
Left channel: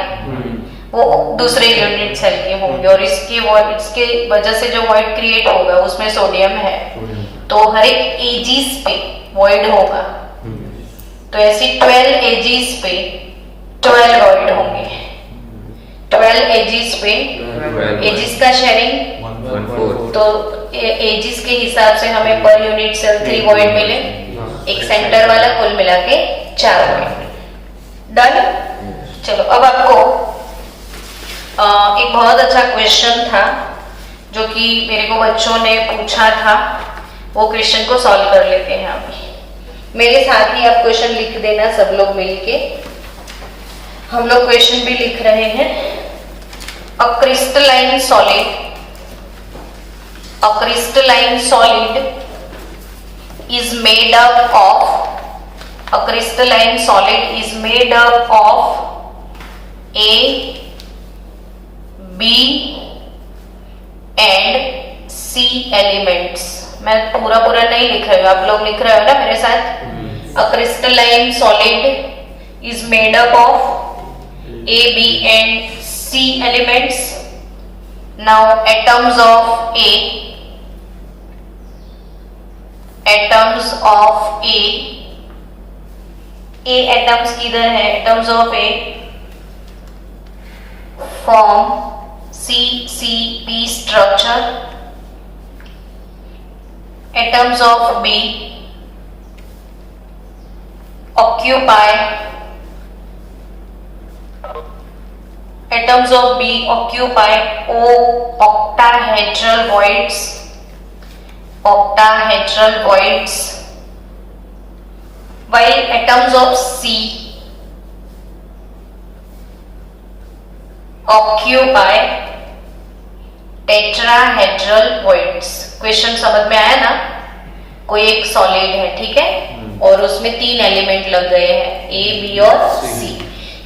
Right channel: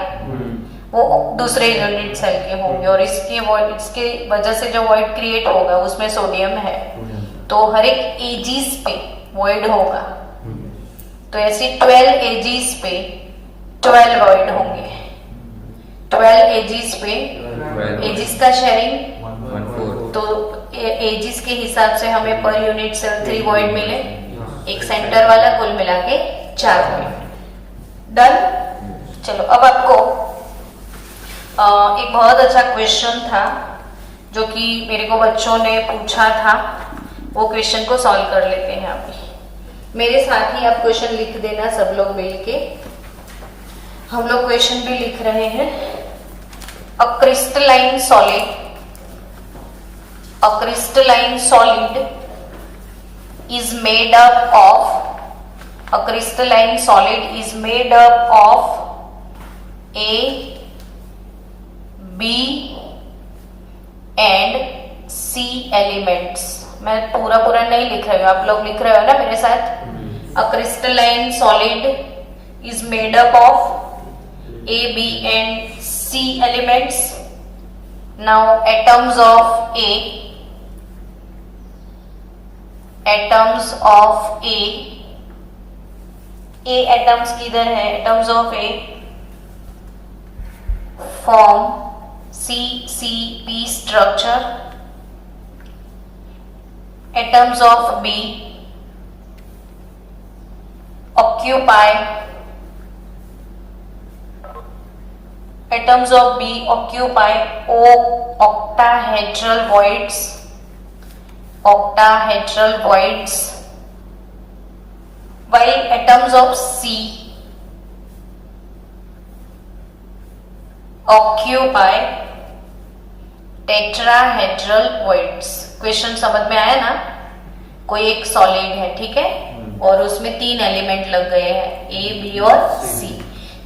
वो दूसरे यूनिट सेल के होंगे। और इसके वजह से जो वॉइड क्रिएट होगा उसमें सोडियम है, तो हर एक एजिस पे वॉइड होगा। तो ऐसी 12 एजिस पे 12 वॉइड होंगे। 12 एजिस पे, एजिस का शेयरिंग 1/4। तो एजिस के हिसाब से हमें पर यूनिट सेल 3 वॉइड मिले, एक सेंटर वाला, कुल मिला के 4 वॉइड। डन? चलो अब आपको एक बहुत अच्छा क्वेश्चन था जो कि मेरे को बच्चों ने पूछा था, वो क्वेश्चन को सॉल्व कर लेते हैं अभी। मेरे साथ ही आप क्वेश्चन लिख देना सब लोग मिलके। हम लोग क्वेश्चन भी लिख रहे हैं। अ crystalline solid is made up of, a crystalline solid is made up of A, B and C elements। मैं पूरा नहीं लिख रही हूँ, आप लोग लिख रहे हो ना मेरे साथ। A crystalline solid is made up of A, B and C elements। Now atoms of A atoms किधर है? Atoms of A form CCP structure. Atoms of B occupy octahedral voids, while atoms of C occupy tetrahedral voids। Question समझ में आया ना? कोई एक solid है, ठीक है, और उसमें 3 एलिमेंट लग गए हैं, A, B और C,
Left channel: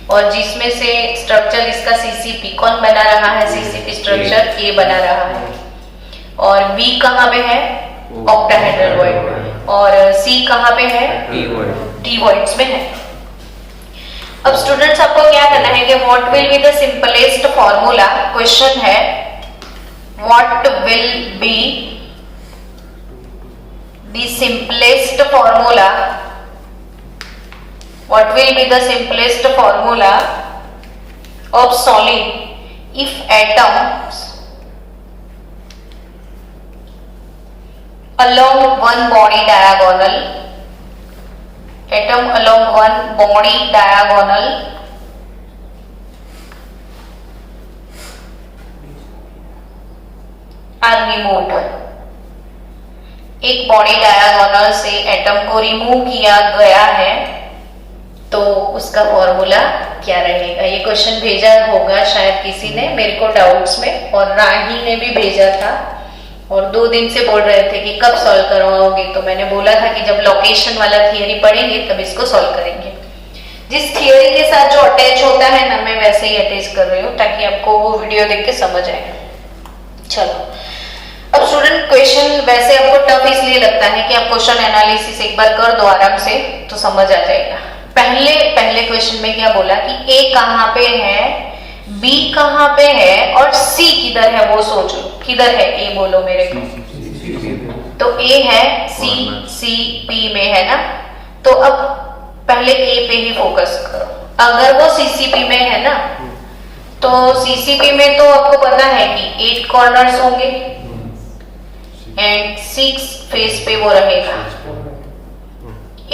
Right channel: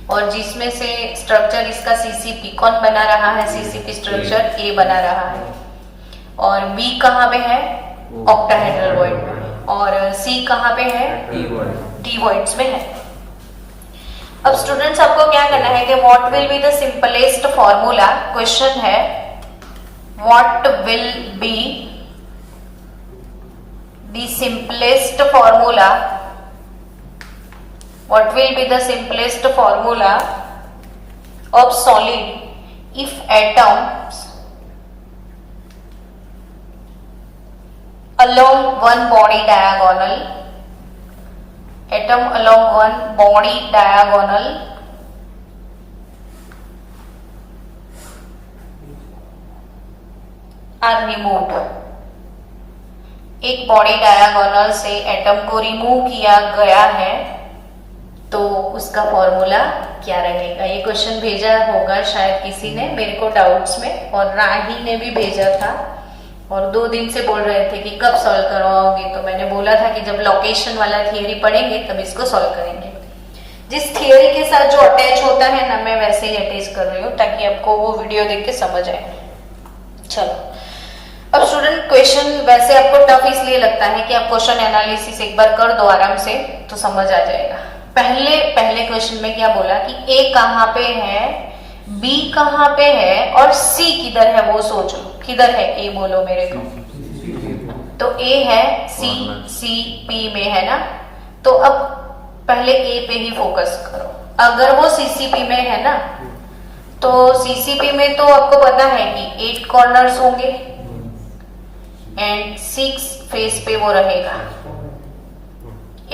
और जिसमें से स्ट्रक्चर इसका CCP, कौन बना रहा है? CCP स्ट्रक्चर A बना रहा है, और B कहाँ पे है? ऑक्टाहेड्रल वॉइड में। और सी कहाँ पे है? T void. टी वॉइड्स में है। अब स्टूडेंट्स आपको क्या करना है कि what will be the simplest formula, question है what will be the simplest formula, what will be the simplest formula of solid if atoms along one body diagonal, atom along one body diagonal are removed। एक body diagonal से atom को remove किया गया है तो उसका formula क्या रहेगा? ये क्वेश्चन भेजा होगा शायद किसी ने मेरे को डाउट्स में, और राही ने भी भेजा था और 2 दिन से बोल रहे थे कि कब सॉल्व करवाओगे, तो मैंने बोला था कि जब लोकेशन वाला थियरी पढ़ेंगे तब इसको सॉल्व करेंगे। जिस थियरी के साथ जो अटैच होता है ना, मैं वैसे ही अटैच कर रही हूँ ताकि आपको वो वीडियो देख के समझ आए। चलो, अब स्टूडेंट क्वेश्चन वैसे आपको टफ इसलिए लगता है कि आप क्वेश्चन एनालिसिस एक बार कर दो आराम से तो समझ आ जाएगा। पहले क्वेश्चन में क्या बोला कि ए कहाँ पे है, बी कहाँ पे है और सी किधर है, वो सोचो किधर है ए, बोलो मेरे को। तो ए है सी पी में है ना, तो अब पहले ए पे ही फोकस करो। अगर वो सीसीपी में है ना, तो सीसीपी में तो आपको पता है कि 8 कॉर्नर्स होंगे एंड 6 फेस पे वो रहेगा।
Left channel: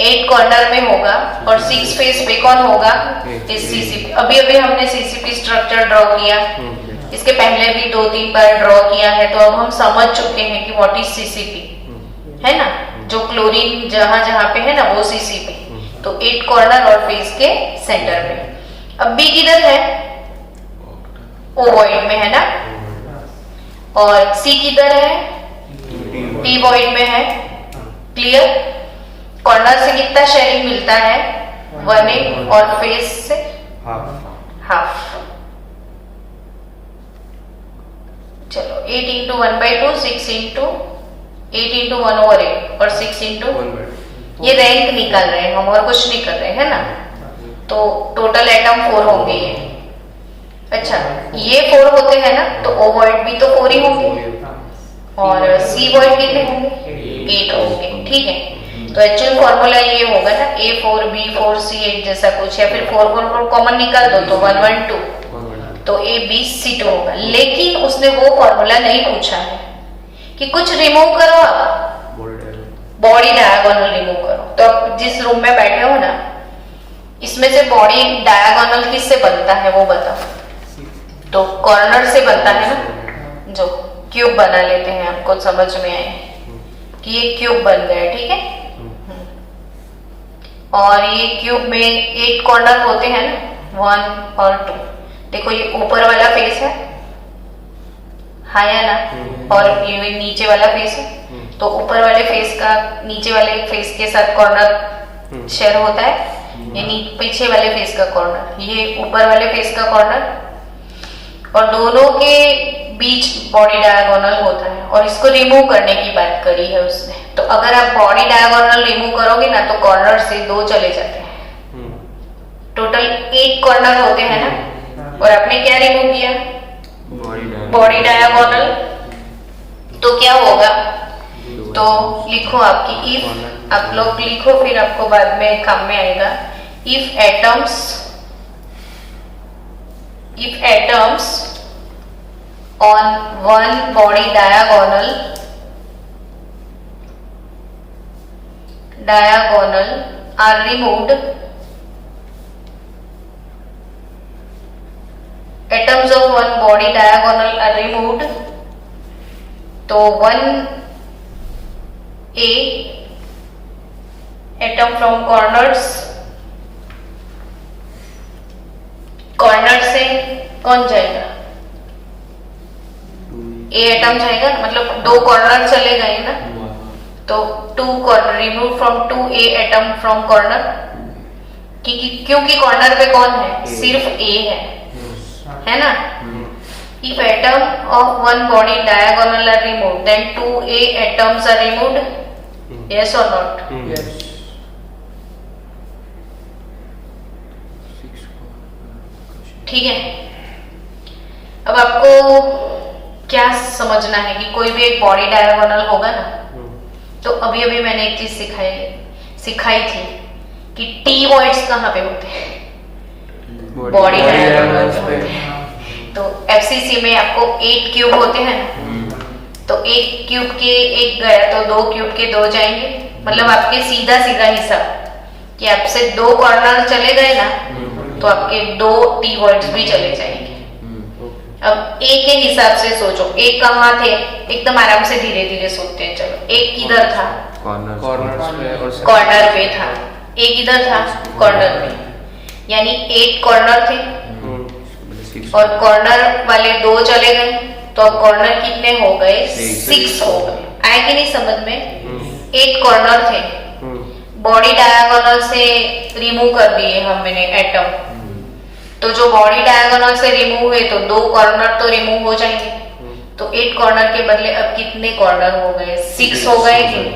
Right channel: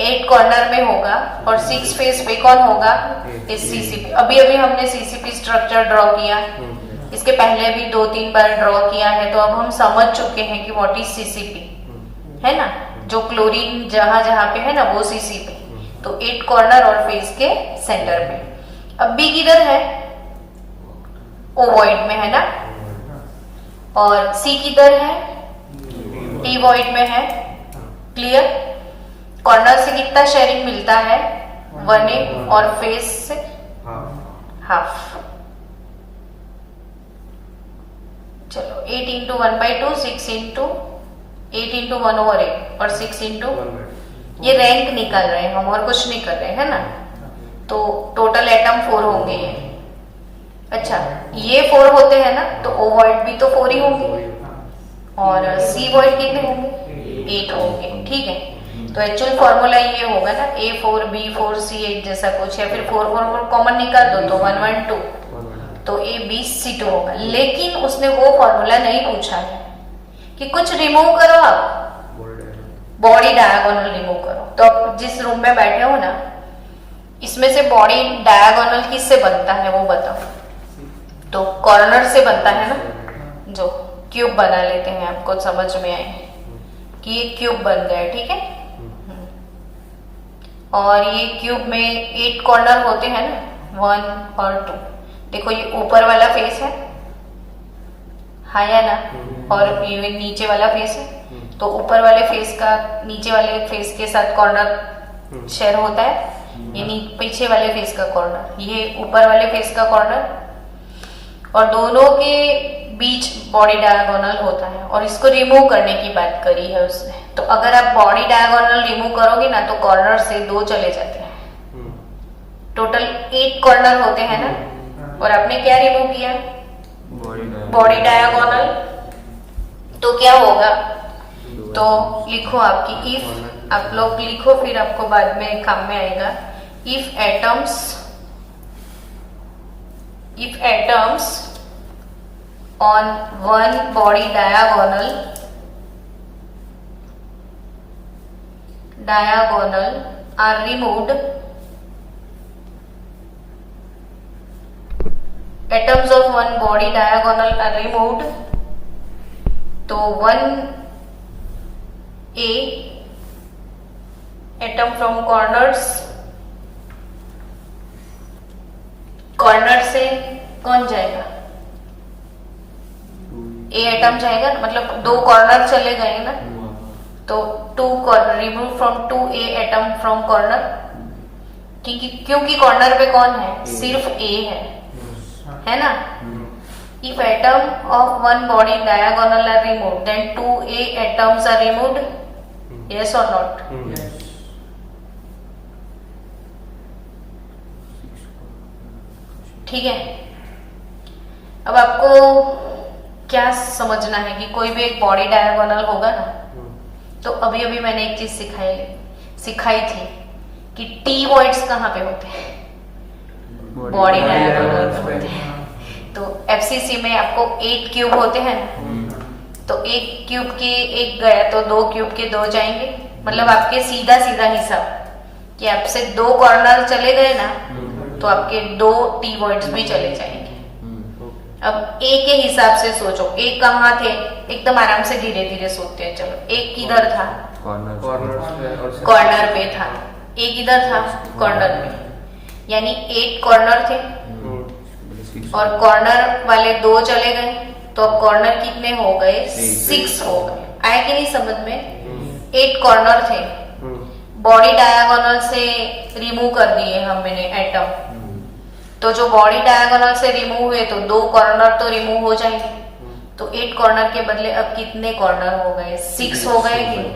8 कॉर्नर में होगा और 6 फेस पे कौन होगा? इस सीसीपी। अभी हमने सीसीपी स्ट्रक्चर ड्रॉ किया, इसके पहले भी 2-3 बार ड्रॉ किया है, तो अब हम समझ चुके हैं कि व्हाट इज सीसीपी, है ना। जो क्लोरीन जहां पे है ना वो सीसीपी। तो 8 कॉर्नर और फेस के सेंटर में। अब बी किधर है? ओवॉइड में है ना, और सी किधर है? टी वॉइड में है। क्लियर? कॉर्नर से कितना शेयरिंग मिलता है? 1/8 और फेस से हाफ। चलो 8 इंटू 1/2, 6 इंटू 8 इंटू 1/8 और 6 इंटू, ये रैंक निकाल रहे हैं हम और कुछ नहीं कर रहे हैं ना। तो टोटल एटम 4 होंगे ये। अच्छा, ये 4 होते हैं ना, तो ओ वॉइड भी तो 4 ही होंगे और सी वॉइड कितने होंगे? 8 होंगे। ठीक है, तो एक्चुअल फॉर्मूला ये होगा ना A4 B4 C8 जैसा कुछ, या फिर 4 कॉमन निकाल दो तो 1 1 2, तो A B C2 होगा। लेकिन उसने वो फॉर्मूला नहीं पूछा है कि कुछ रिमूव करो, आप बॉडी डायगोनल रिमूव करो। तो आप जिस रूम में बैठे हो ना, इसमें से बॉडी डायगोनल किससे बनता है वो बताओ। तो कॉर्नर से बनता है ना, जो क्यूब बना लेते हैं, आपको समझ में आए कि ये क्यूब बन गया। ठीक है, और ये क्यूब में 8 कॉर्नर होते हैं ना, 1 और 2। देखो ये ऊपर वाला फेस है, हाँ या ना, और ये नीचे वाला फेस है। तो ऊपर वाले फेस का नीचे वाले फेस के साथ कॉर्नर शेयर होता है, ये पीछे वाले फेस का कॉर्नर, ये ऊपर वाले फेस का कॉर्नर, और दोनों के बीच बॉडी डायगोनल होता है। और इसको रिमूव करने की बात करी है उसने। तो अगर आप बॉडी डायगोनल रिमूव करोगे ना, तो कॉर्नर से 2 चले जाते हैं। टोटल 8 कॉर्नर होते हैं ना, और आपने क्या रिमूव किया? Body diagonal. तो क्या होगा? तो लिखो आपकी इफ, आप लोग लिखो फिर आपको बाद में काम में आएगा। If atoms on one body diagonal are removed, atoms of one body diagonal are removed, तो 1A atom from corner से कौन जाएगा? ए एटम जाएगा, मतलब 2 कॉर्नर चले गए ना, तो 2 corner remove from 2A atom from corner, क्योंकि कॉर्नर पे कौन है? सिर्फ ए है ना। If atom of one body diagonal are removed, then 2A atoms are removed yes और नॉट? ठीक है। अब आपको क्या समझना है कि कोई भी एक बॉडी डायगोनल होगा ना, तो अभी अभी मैंने एक चीज सिखाई थी कि टी वॉइड्स कहाँ पे होते हैं? बॉडी डायगोनल पे होते हैं। तो एफसीसी में आपको 8 क्यूब होते हैं ना, तो 1 क्यूब के 1 गया तो 2 क्यूब के 2 जाएंगे। मतलब आपके सीधा सीधा हिसाब कि आपसे 2 कॉर्नर चले गए ना, तो आपके 2 टी वॉइड्स भी चले जाएंगे। अब ए के हिसाब से सोचो, एक कहाँ थे? एकदम आराम से धीरे धीरे सोचते हैं। चलो, एक किधर था? कॉर्नर पे था। एक किधर था? कॉर्नर पे। यानी 8 कॉर्नर थे और कॉर्नर वाले 2 चले गए, तो अब कॉर्नर कितने हो गए? 6 हो गए। आए कि नहीं समझ में? 8 कॉर्नर थे, बॉडी डायगोनल से रिमूव कर दिए हमने एटम, तो जो बॉडी डायगोनल से रिमूव हुए तो 2 कॉर्नर तो रिमूव हो जाएंगे। तो 8 कॉर्नर के बदले अब कितने कॉर्नर हो गए? 6 हो गए कि नहीं?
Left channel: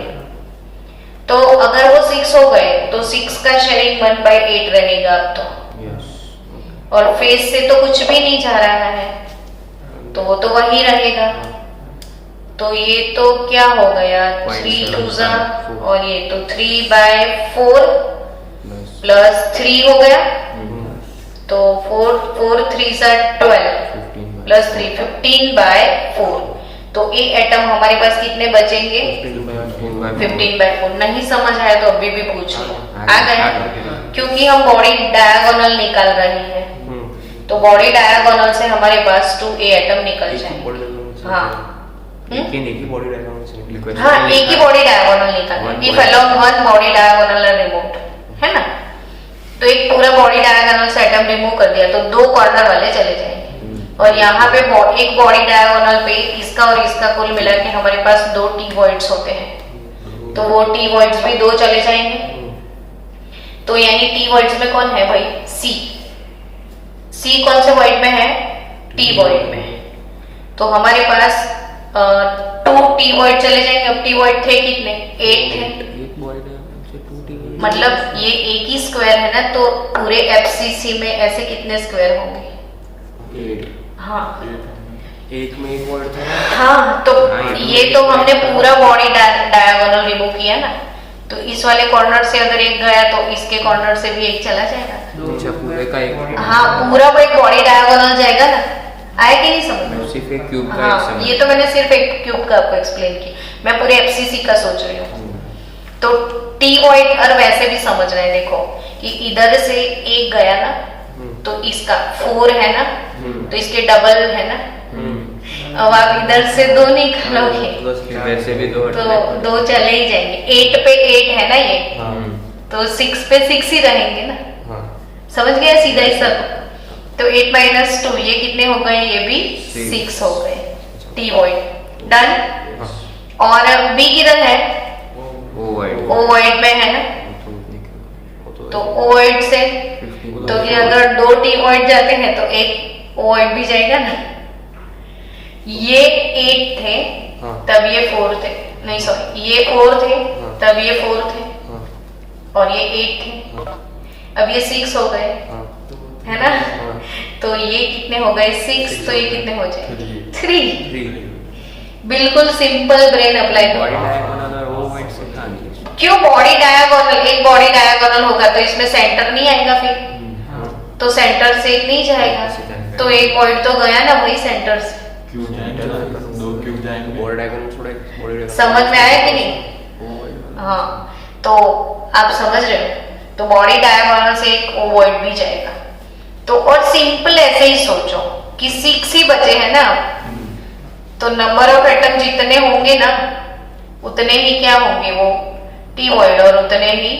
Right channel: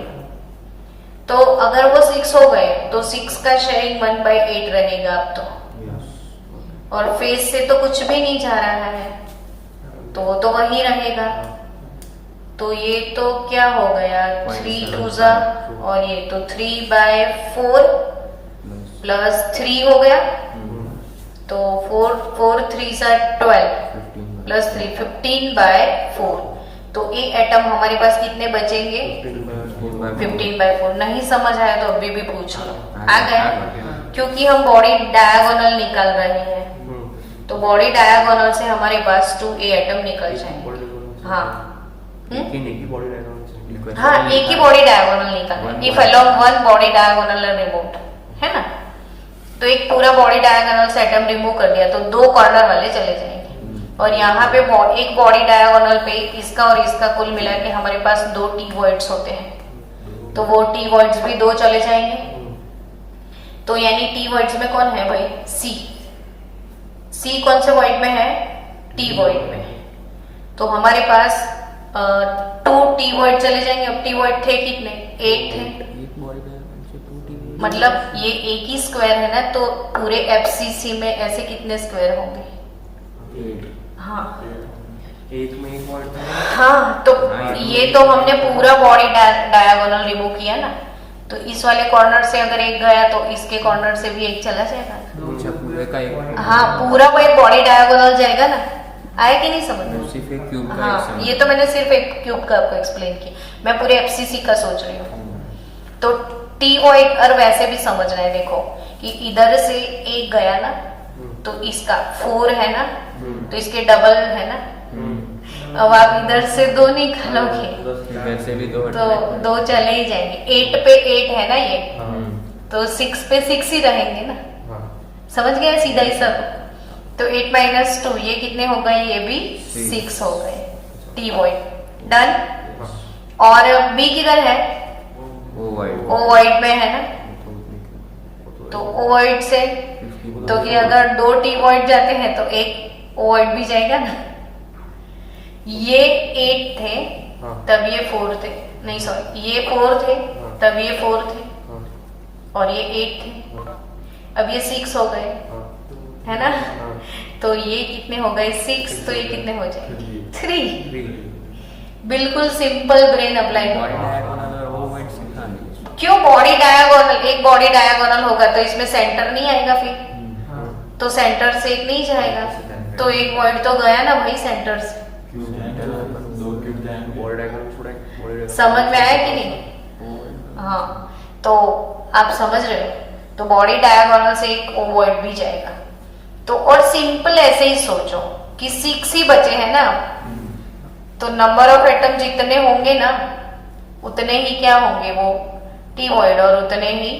तो अगर वो 6 हो गए तो 6 का शेयरिंग 1/8 रहेगा अब तो। और फेस से तो कुछ भी नहीं जा रहा है, तो वो तो वही रहेगा। तो ये तो क्या हो गया? 3 2 और ये तो 3/4 प्लस 3 हो गया, तो 4 3 12 प्लस 3 15/4। तो ये एटम हमारे पास कितने बचेंगे? 15/4। नहीं समझ आया तो अभी भी पूछ लो। आ गया? क्योंकि हम बॉडी डायगोनल निकाल रहे हैं, तो बॉडी डायगोनल से हमारे पास 2a एटम निकल जाएंगे। हाँ, एक ही बॉडी डायगोनल। हाँ, एक ही बॉडी डायगोनल निकाल। If along one body diagonal removed, है ना? तो एक पूरा बॉडी डायगोनल से एटम रिमूव कर दिया तो 2 कॉर्नर वाले चले जाएंगे। और यहाँ पे एक बॉडी डायगोनल पे इसका और इसका कुल मिला के हमारे पास 2 टी वॉइड्स होते हैं, तो वो टी वॉइड्स भी 2 चले जाएंगे। तो यानी टी वॉइड्स में कौन है भाई? सी कौन से वॉइड में है? टी वॉइड में। तो हमारे पास 2 टी वॉइड चले जाएंगे। अब टी वॉइड थे कितने? 8 थे। मतलब ये एक ही स्क्वायर है ना, तो पूरे एफसीसी में ऐसे कितने स्क्वायर होंगे? 8। हाँ, 8 में एक वर्ड था। हाँ, तो ये तो हमने पूरा बॉडी डायगोनल रिमूव किया ना, तो इस वाले कॉर्नर से अगर एक गया तो इसके कॉर्नर से भी एक चला जाएगा। अच्छा, पूरे का एक? हाँ, पूरा वो एक बॉडी डायगोनल जाएगा ना। आया कि नहीं समझ? सिर्फ एक क्यूब का। हाँ, ये तो मैंने सिर्फ एक क्यूब का आपको एक्सप्लेन किया, मैं पूरे एफसीसी का सोच रही हूँ। तो टी वॉइड और वैसे भी समझना है। देखो कि इधर से एक गया ना, तो इसका 4 है ना, तो इसके डबल है ना। अब आप इधर से 2 निकालोगे वैसे भी 2 तो 2 चले ही जाएंगे। 8 पे 8 है ना ये, तो 6 पे 6 ही रहेंगे ना। समझ गया सीधा ही सब? तो 8 - 2 ये कितने हो गए? ये भी 6 हो गए। T void done. और बी किधर है? ओ वॉइड में है ना, तो ओ वॉइड से तो कि अगर 2 टी वॉइड जाते हैं तो एक ओ वॉइड भी जाएगा ना। ये 8 थे तब ये 4 थे, नहीं सॉरी, ये 4 थे तब ये 4 थे, और ये 8 थे, अब ये 6 हो गए, है ना। तो ये कितने हो गए? 6। तो ये कितने हो जाएंगे? 3। बिल्कुल सिंपल ब्रेन अप्लाई करो। क्यों बॉडी डायगोनल? एक बॉडी डायगोनल होगा तो इसमें सेंटर नहीं आएगा, फिर तो सेंटर से एक नहीं जाएगा, तो एक वॉइड तो गया ना भाई सेंटर से। समझ में आया कि नहीं? हाँ, तो आप समझ रहे हो। तो बॉडी डायगोनल से एक वॉइड भी जाएगा। तो और सिंपल ऐसे ही सोचो कि 6 ही बचे हैं ना, तो नंबर ऑफ एटम जितने होंगे ना उतने ही क्या होंगे? वो टी वॉइड, और उतने ही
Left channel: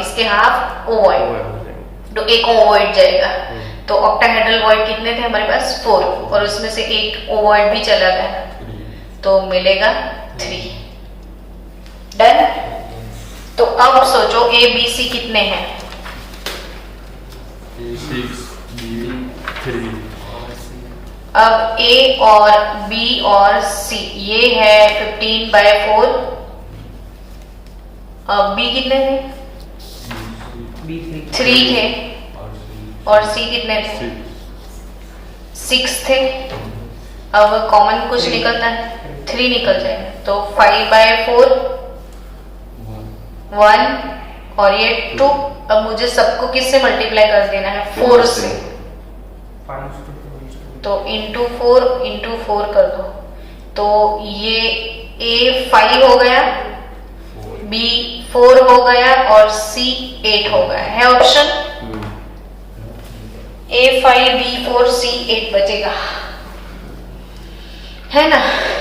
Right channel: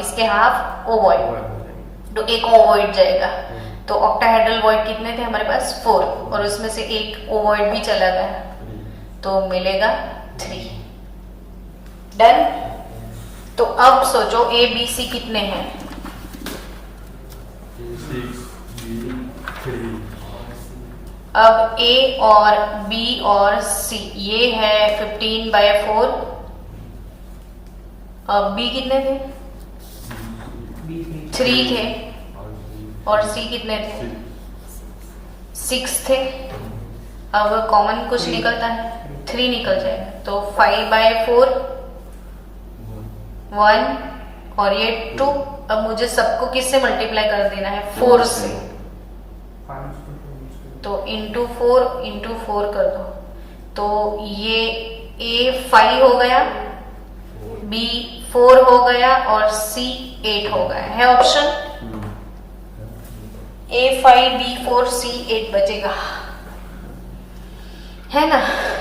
इसके हाफ ओ वॉइड। तो एक ओ वॉइड जाएगा। तो ऑक्टाहेड्रल वॉइड कितने थे हमारे पास? 4, और उसमें से एक ओ वॉइड भी चला गया, तो मिलेगा 3। डन। तो अब सोचो ए बी सी कितने हैं? 6 3। अब ए और बी और सी ये है 15/4 बी कितने थे? बी 3 थे। और सी कितने थे? 6 थे। अब कॉमन कुछ निकलता है, 3 निकल जाएगा, तो 5/4 1 और ये 2। अब मुझे सबको किससे मल्टीप्लाई कर देना है? 4 से। तो इंटू 4 कर दो, तो ये A 5 हो गया, B 4 हो गया और C 8 हो गया है ऑप्शन। A 5 B 4 C 8 बचेगा, है ना।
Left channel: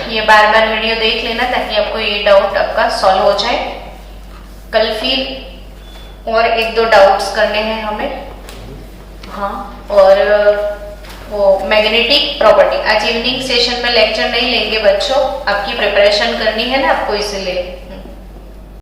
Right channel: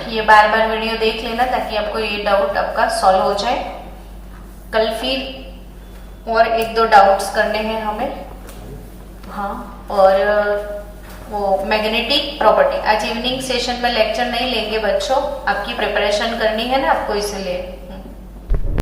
ये बार बार वीडियो देख लेना ताकि आपको ये डाउट आपका सॉल्व हो जाए। कल फिर और 1-2 डाउट्स करने हैं हमें। हाँ, और वो मैग्नेटिक प्रॉपर्टी आज इवनिंग सेशन में लेक्चर नहीं लेंगे बच्चों, आपकी प्रिपरेशन करनी है ना आपको, इसलिए